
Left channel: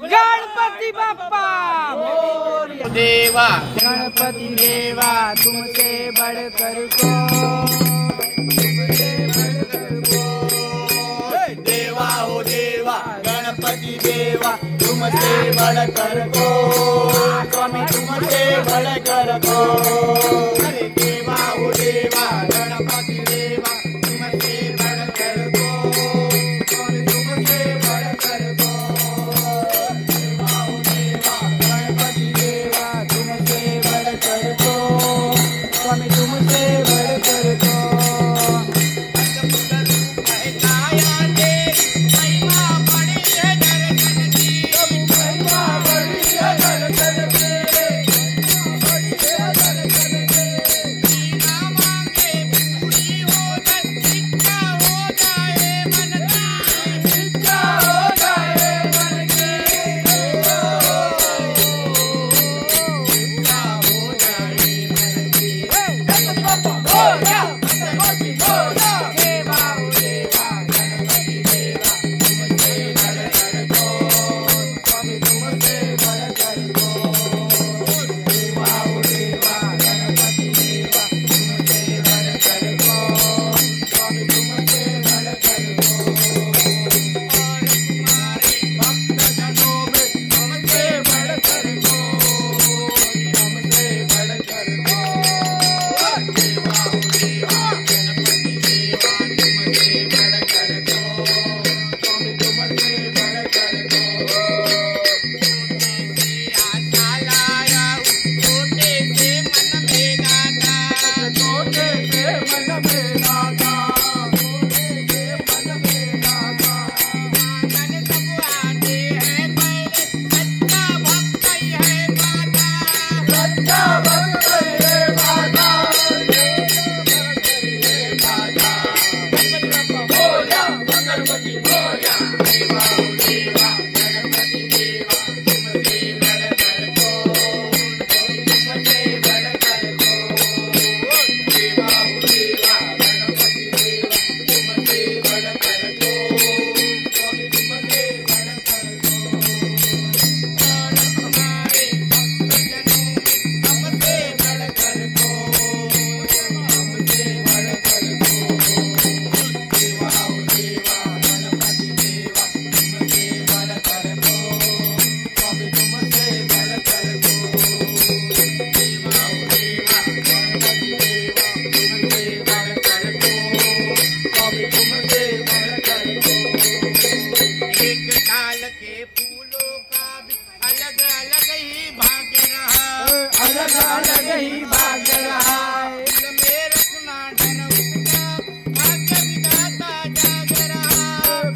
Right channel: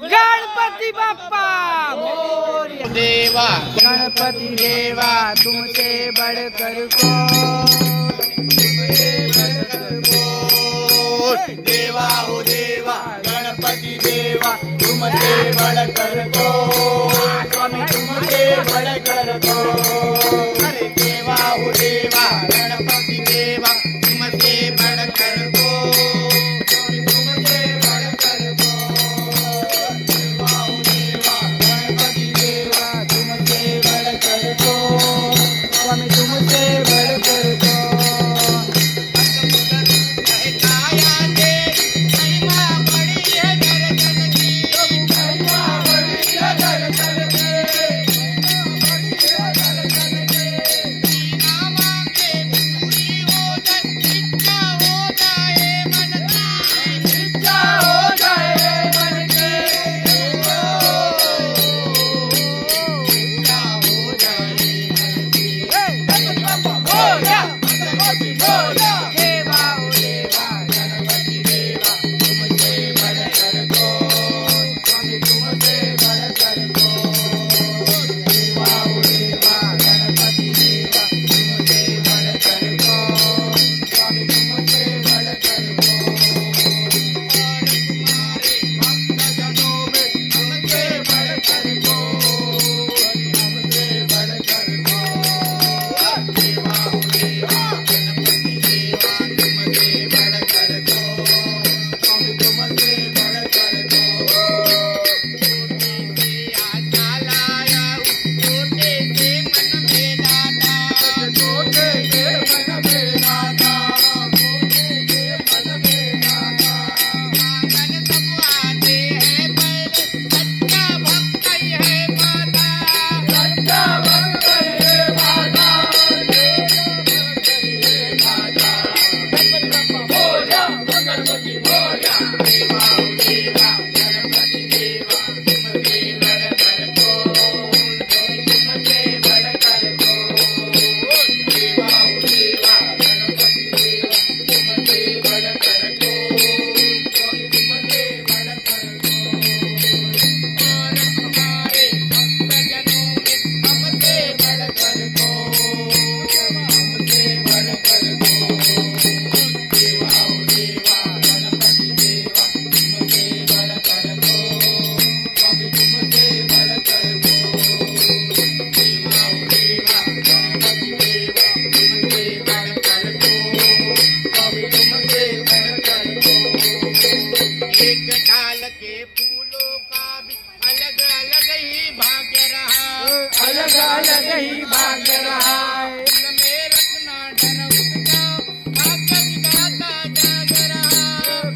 गणपति बाप्पा मोरया देवा गणपति देवा तुमसे बढ़कर तुमसे बढ़कर देवा हो देवा गणपति देवा तुमसे बढ़कर स्वामी तुमसे बढ़कर अरे देवा हो देवा गणपति देवा तुमसे बढ़कर तुमसे बढ़कर देवा हो देवा गणपति देवा तुमसे बढ़कर स्वामी तुमसे बढ़कर काया दे महिमा बड़ी है दर्शन की महिमा बड़ी है दर्शन की बिना मांगे पूरी हो जाए इच्छा हो जाए मन की इच्छा हो जाए मन की इच्छा हो जाए मन की बोलिया देवा ओ देवा गणपति देवा तुमसे बढ़कर स्वामी तुमसे बढ़कर देवा ओ देवा गणपति देवा तुमसे बढ़कर स्वामी तुमसे बढ़कर और तुम्हारे भक्तजनों में हमसे बढ़कर हमसे बढ़कर देवा हो देवा गणपति देवा तुमसे बढ़कर स्वामी तुमसे बढ़कर आशा लाया छोटे से मन में दादा छोटे से मन में दादा छोटे से मन में दादा मांगन सब आते हैं पर सच्चा भक्त है माता सच्चा भक्त है माता गणपति बोला देवा हो देवा गणपति देवा तुमसे बढ़कर तुमसे बढ़कर देवा हो देवा गणपति देवा तुमसे बढ़कर तुमसे बढ़कर और तुम्हारे भक्तजनों में हमसे बढ़कर हमसे बढ़कर देवा हो देवा गणपति देवा तुमसे बढ़कर स्वामी तुमसे बढ़कर देवा हो देवा गणपति देवा तुमसे बढ़कर स्वामी तुमसे बढ़कर एक डाल के फूलों का भी अलग अलग ही भाग्य रहा अलग अलग ही भाग रहा है दिल में रखना डर उसका भाग्य विधाता जाग रहा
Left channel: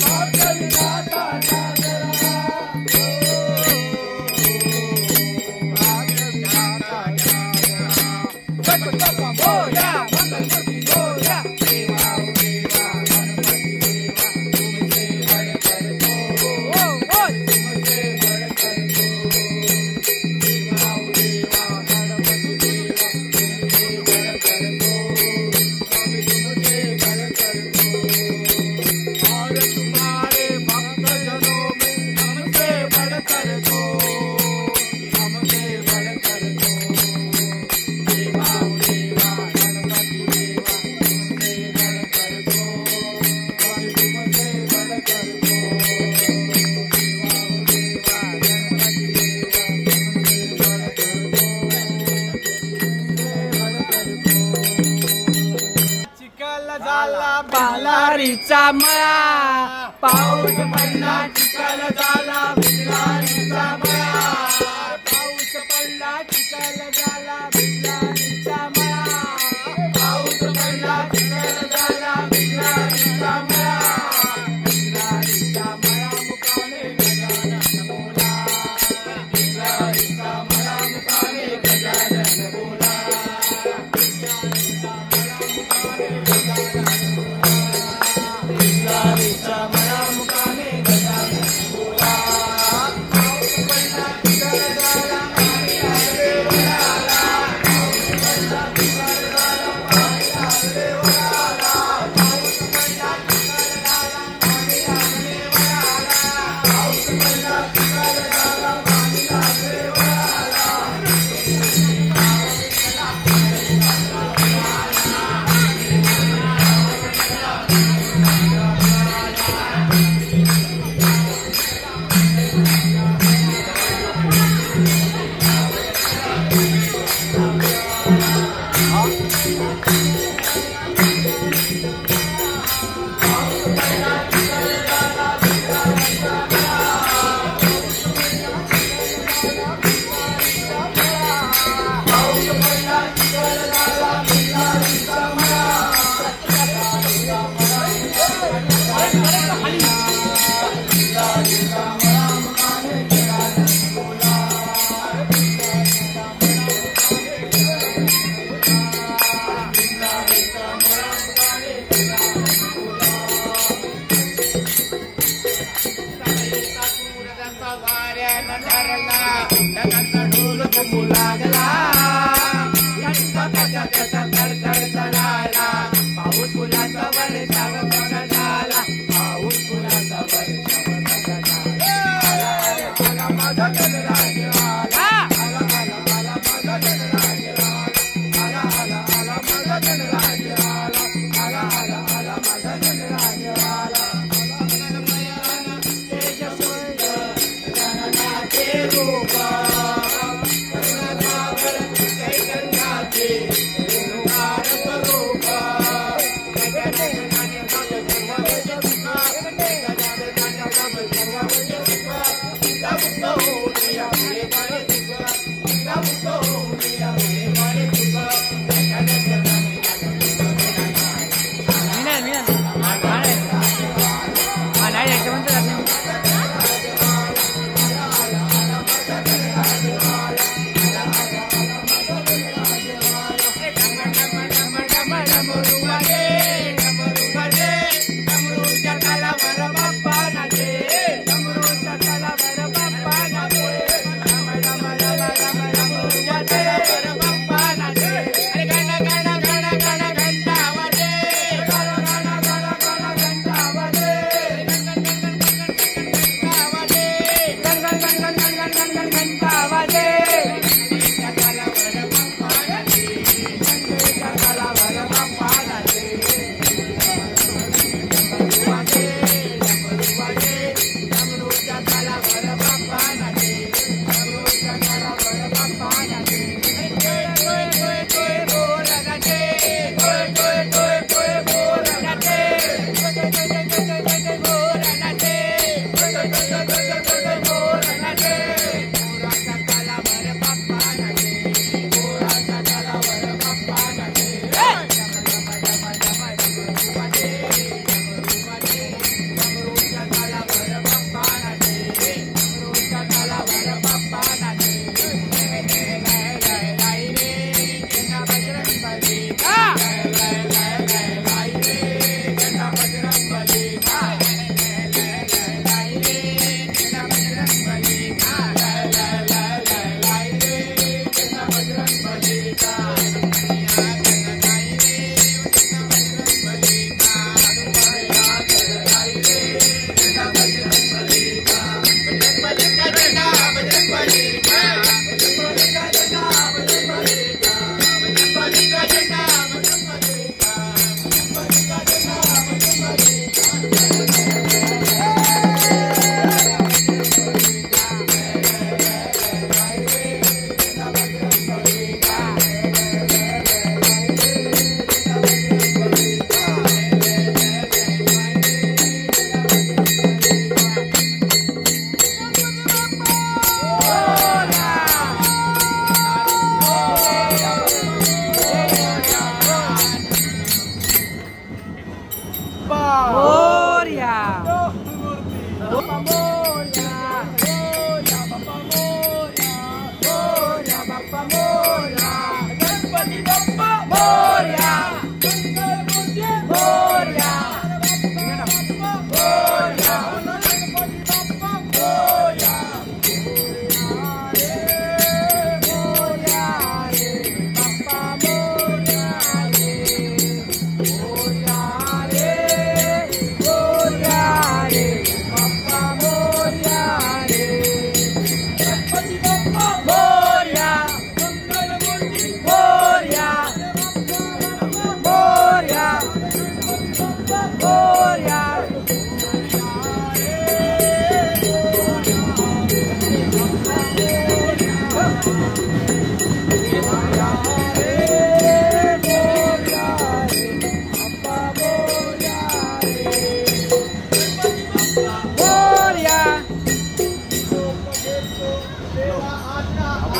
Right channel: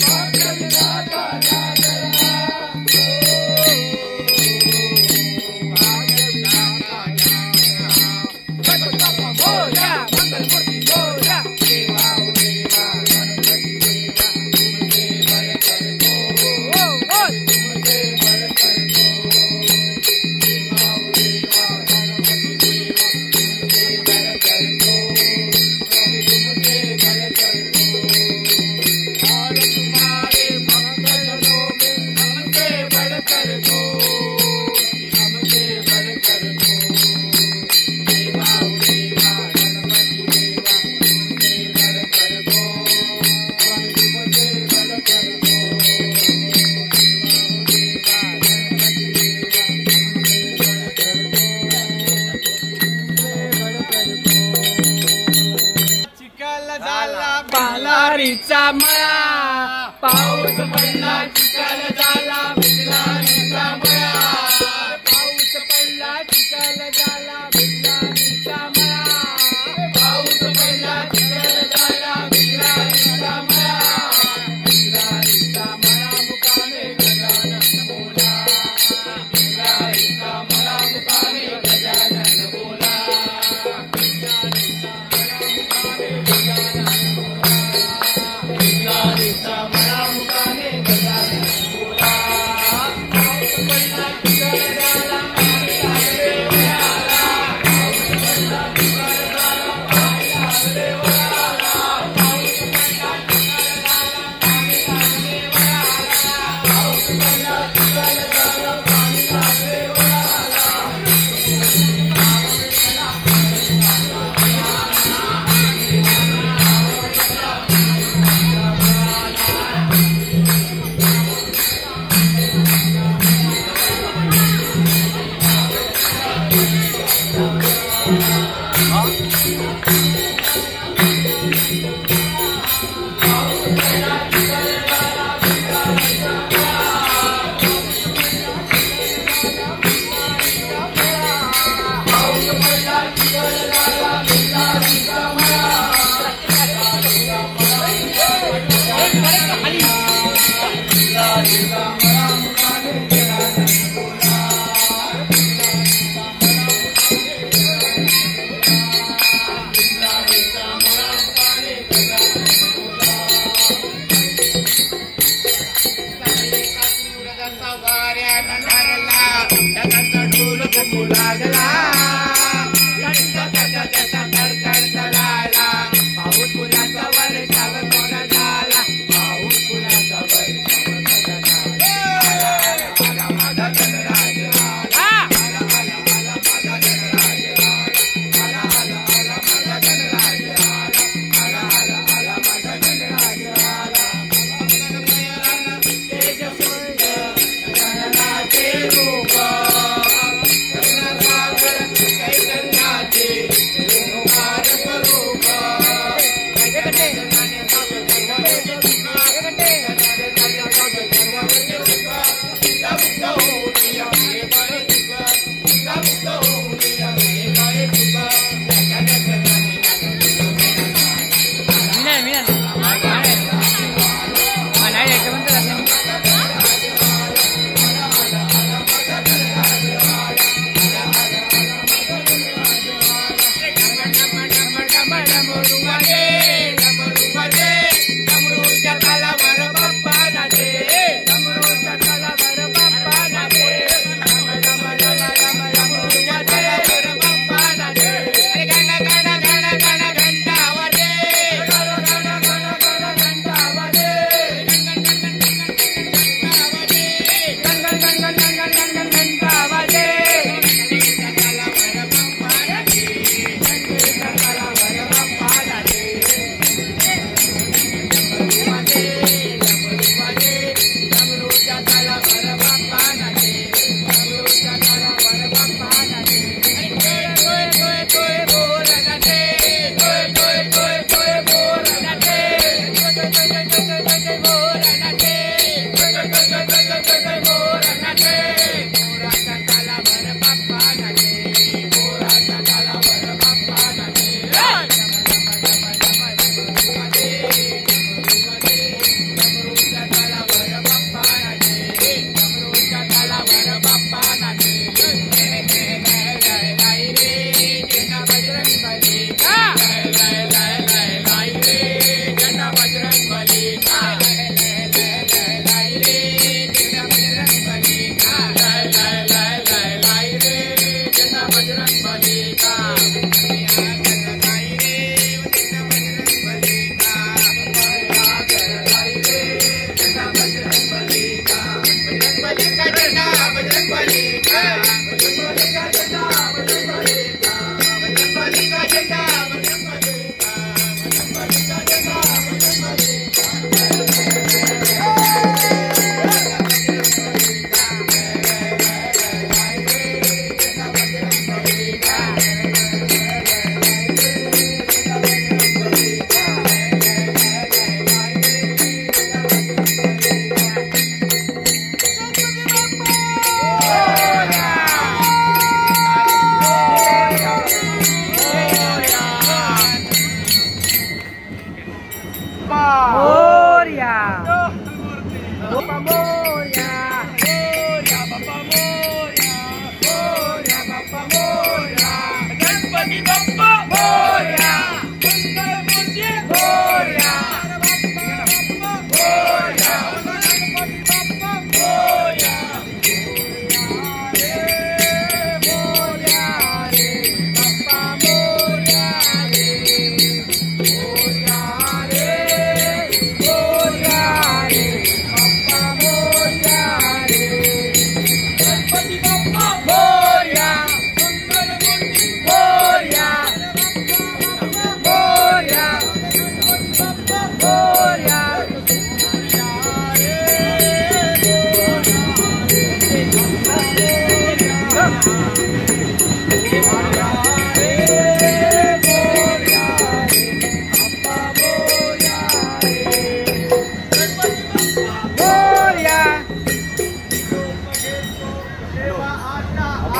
भाग्य विधाता जाग रहा भाग्य विधाता जाग रहा बोलिया मंगल मूर्ति बोलिया देवा ओ देवा गणपति देवा तुमसे बढ़कर तुमसे बढ़कर देवा हो देवा गणपति देवा तुमसे भिजलारीचा मळा पाऊस पडला चिखल झाला भिजलारीचा मळा पाऊस पडला चिखल झाला भिजलारीचा मळा पाऊस पडला चिखल झाला भिजलारीचा मळा भिजलारीचा मळा मुकामे गजानन बोला भिजलारीचा मळा मुकामे गजानन बोला भिजलारीचा मळा मुकामे गजानन बोला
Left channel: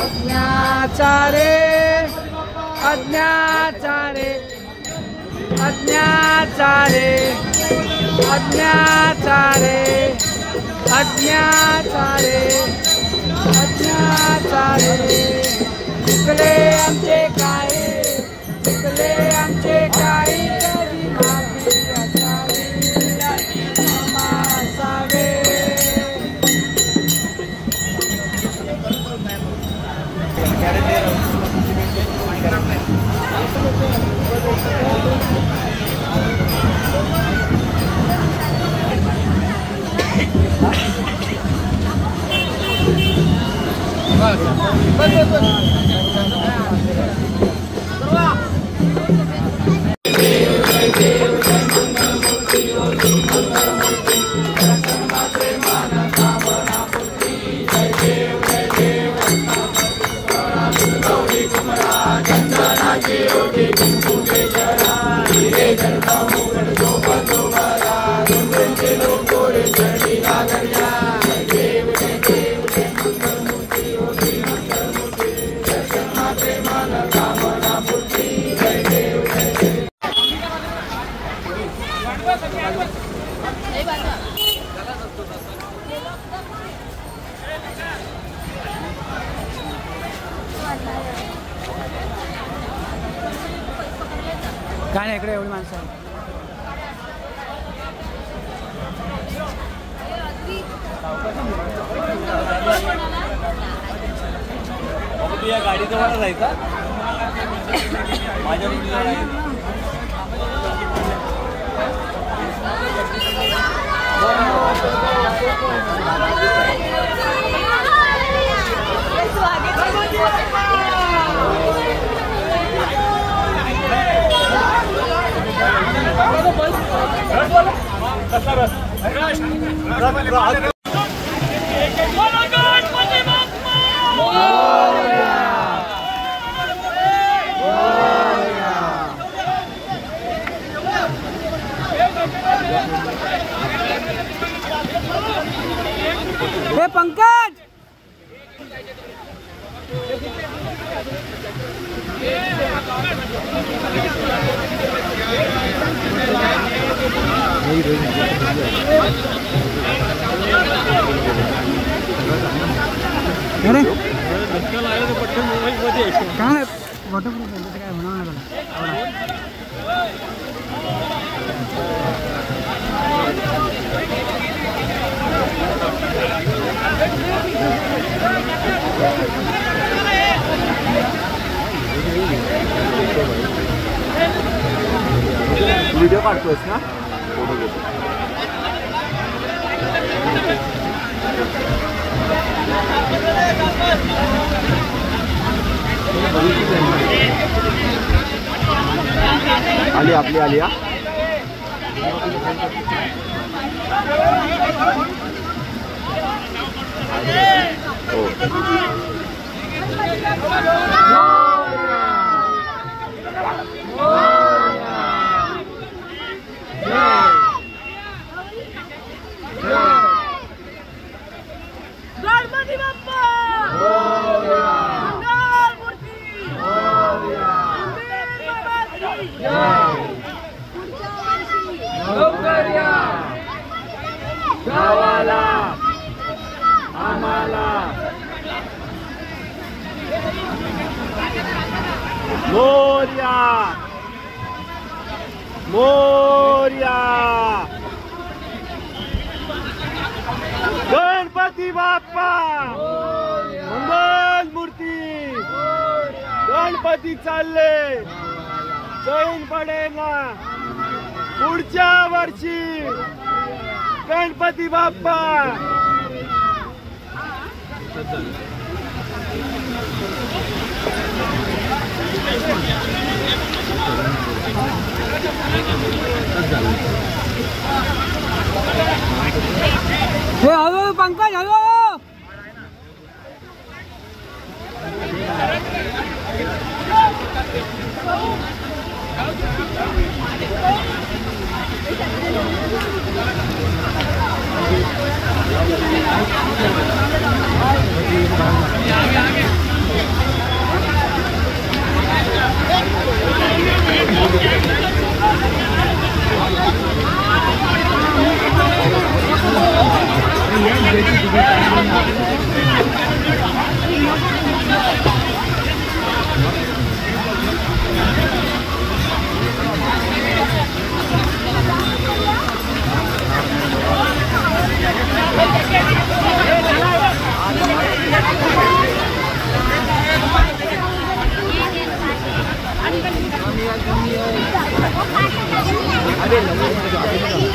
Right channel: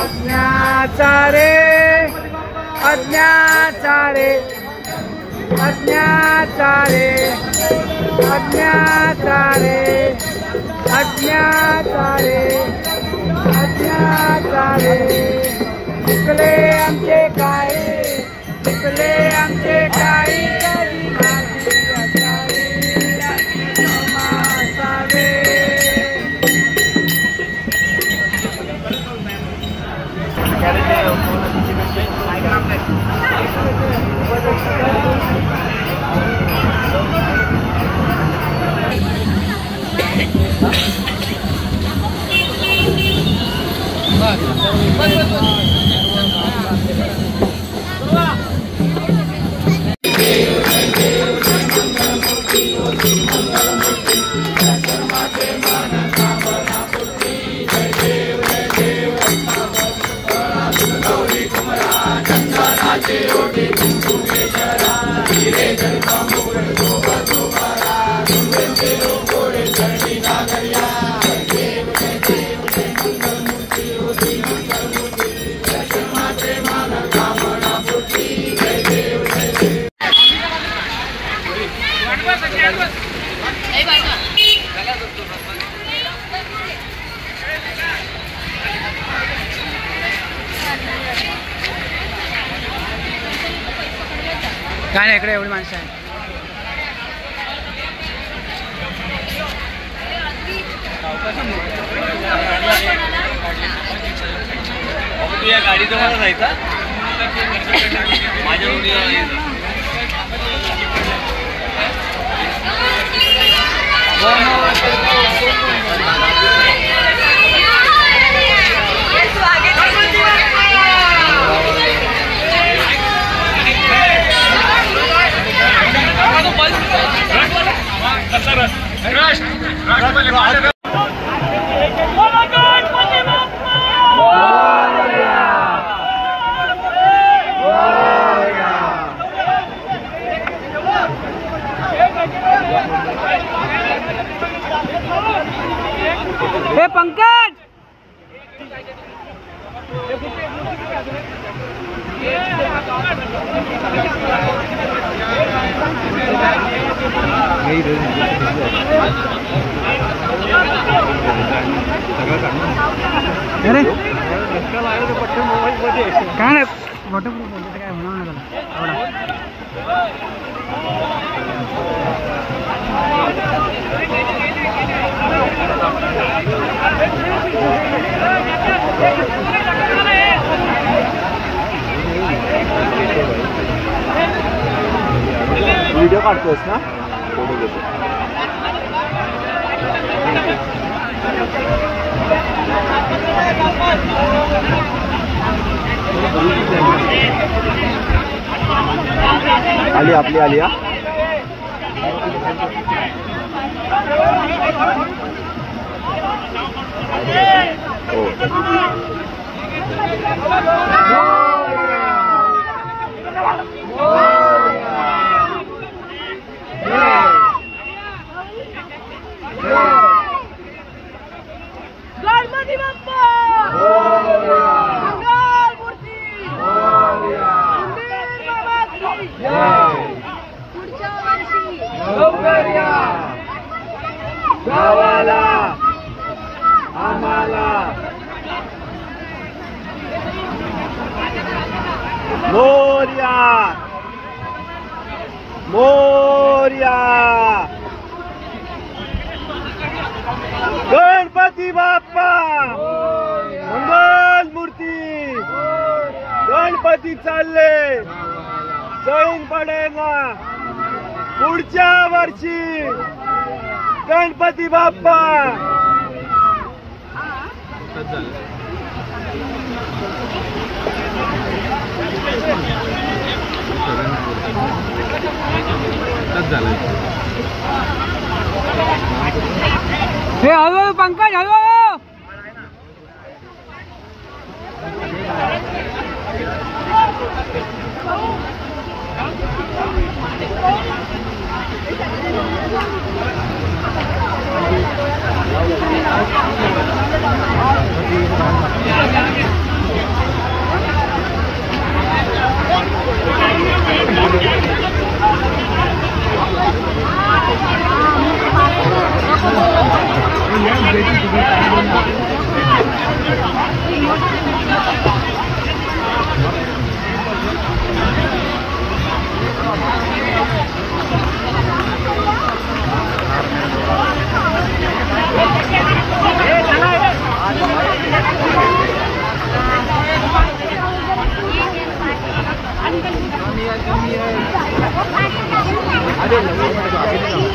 अज्ञाचारे अज्ञाचारे अज्ञाचारे अज्ञाचारे अज्ञाचारे अज्ञाचारे चुकले आमचे काही चुकले आमचे काही कधी माफी असावी क्षमा असावे काय नाही इकडे एवढी माणसं आहेत तू या गाडीचं मला जायचा माझ्या हे पंकज काय नाही फोटो काय होणार व्हिडिओ काढतोस ना फोटो घेतो आली आपली आली हा हो गणपती बाप्पा मंगल मूर्ती पुढच्या वर्षी लवकर या गावाला आम्हाला मोरया मोरया गणपती बाप्पा मंगल मूर्ती गणपती चालले जैन पडेगा पुढच्या वर्षी गणपती बाप्पा हे हळूहळू पंकज हळूहळू Thank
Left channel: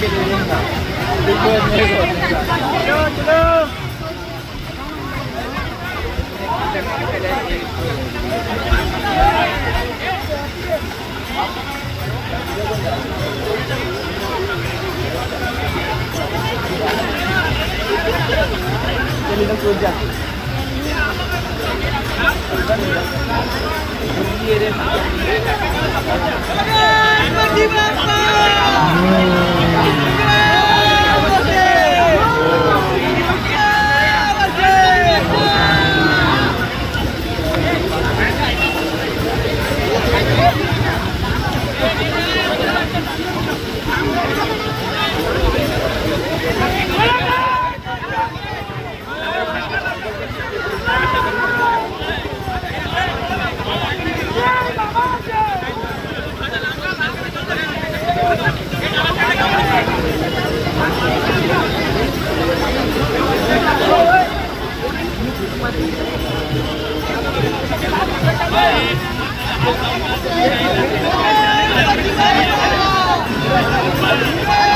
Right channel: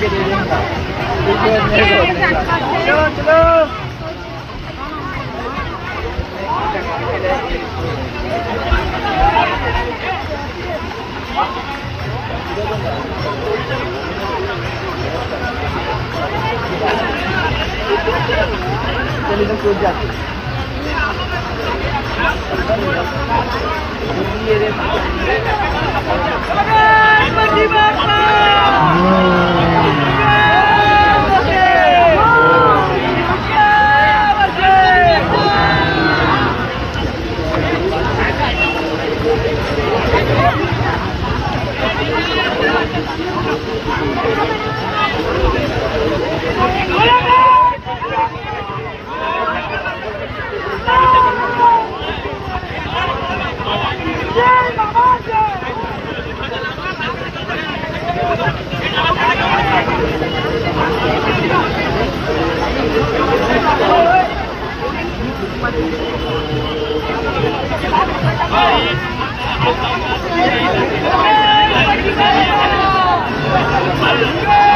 you.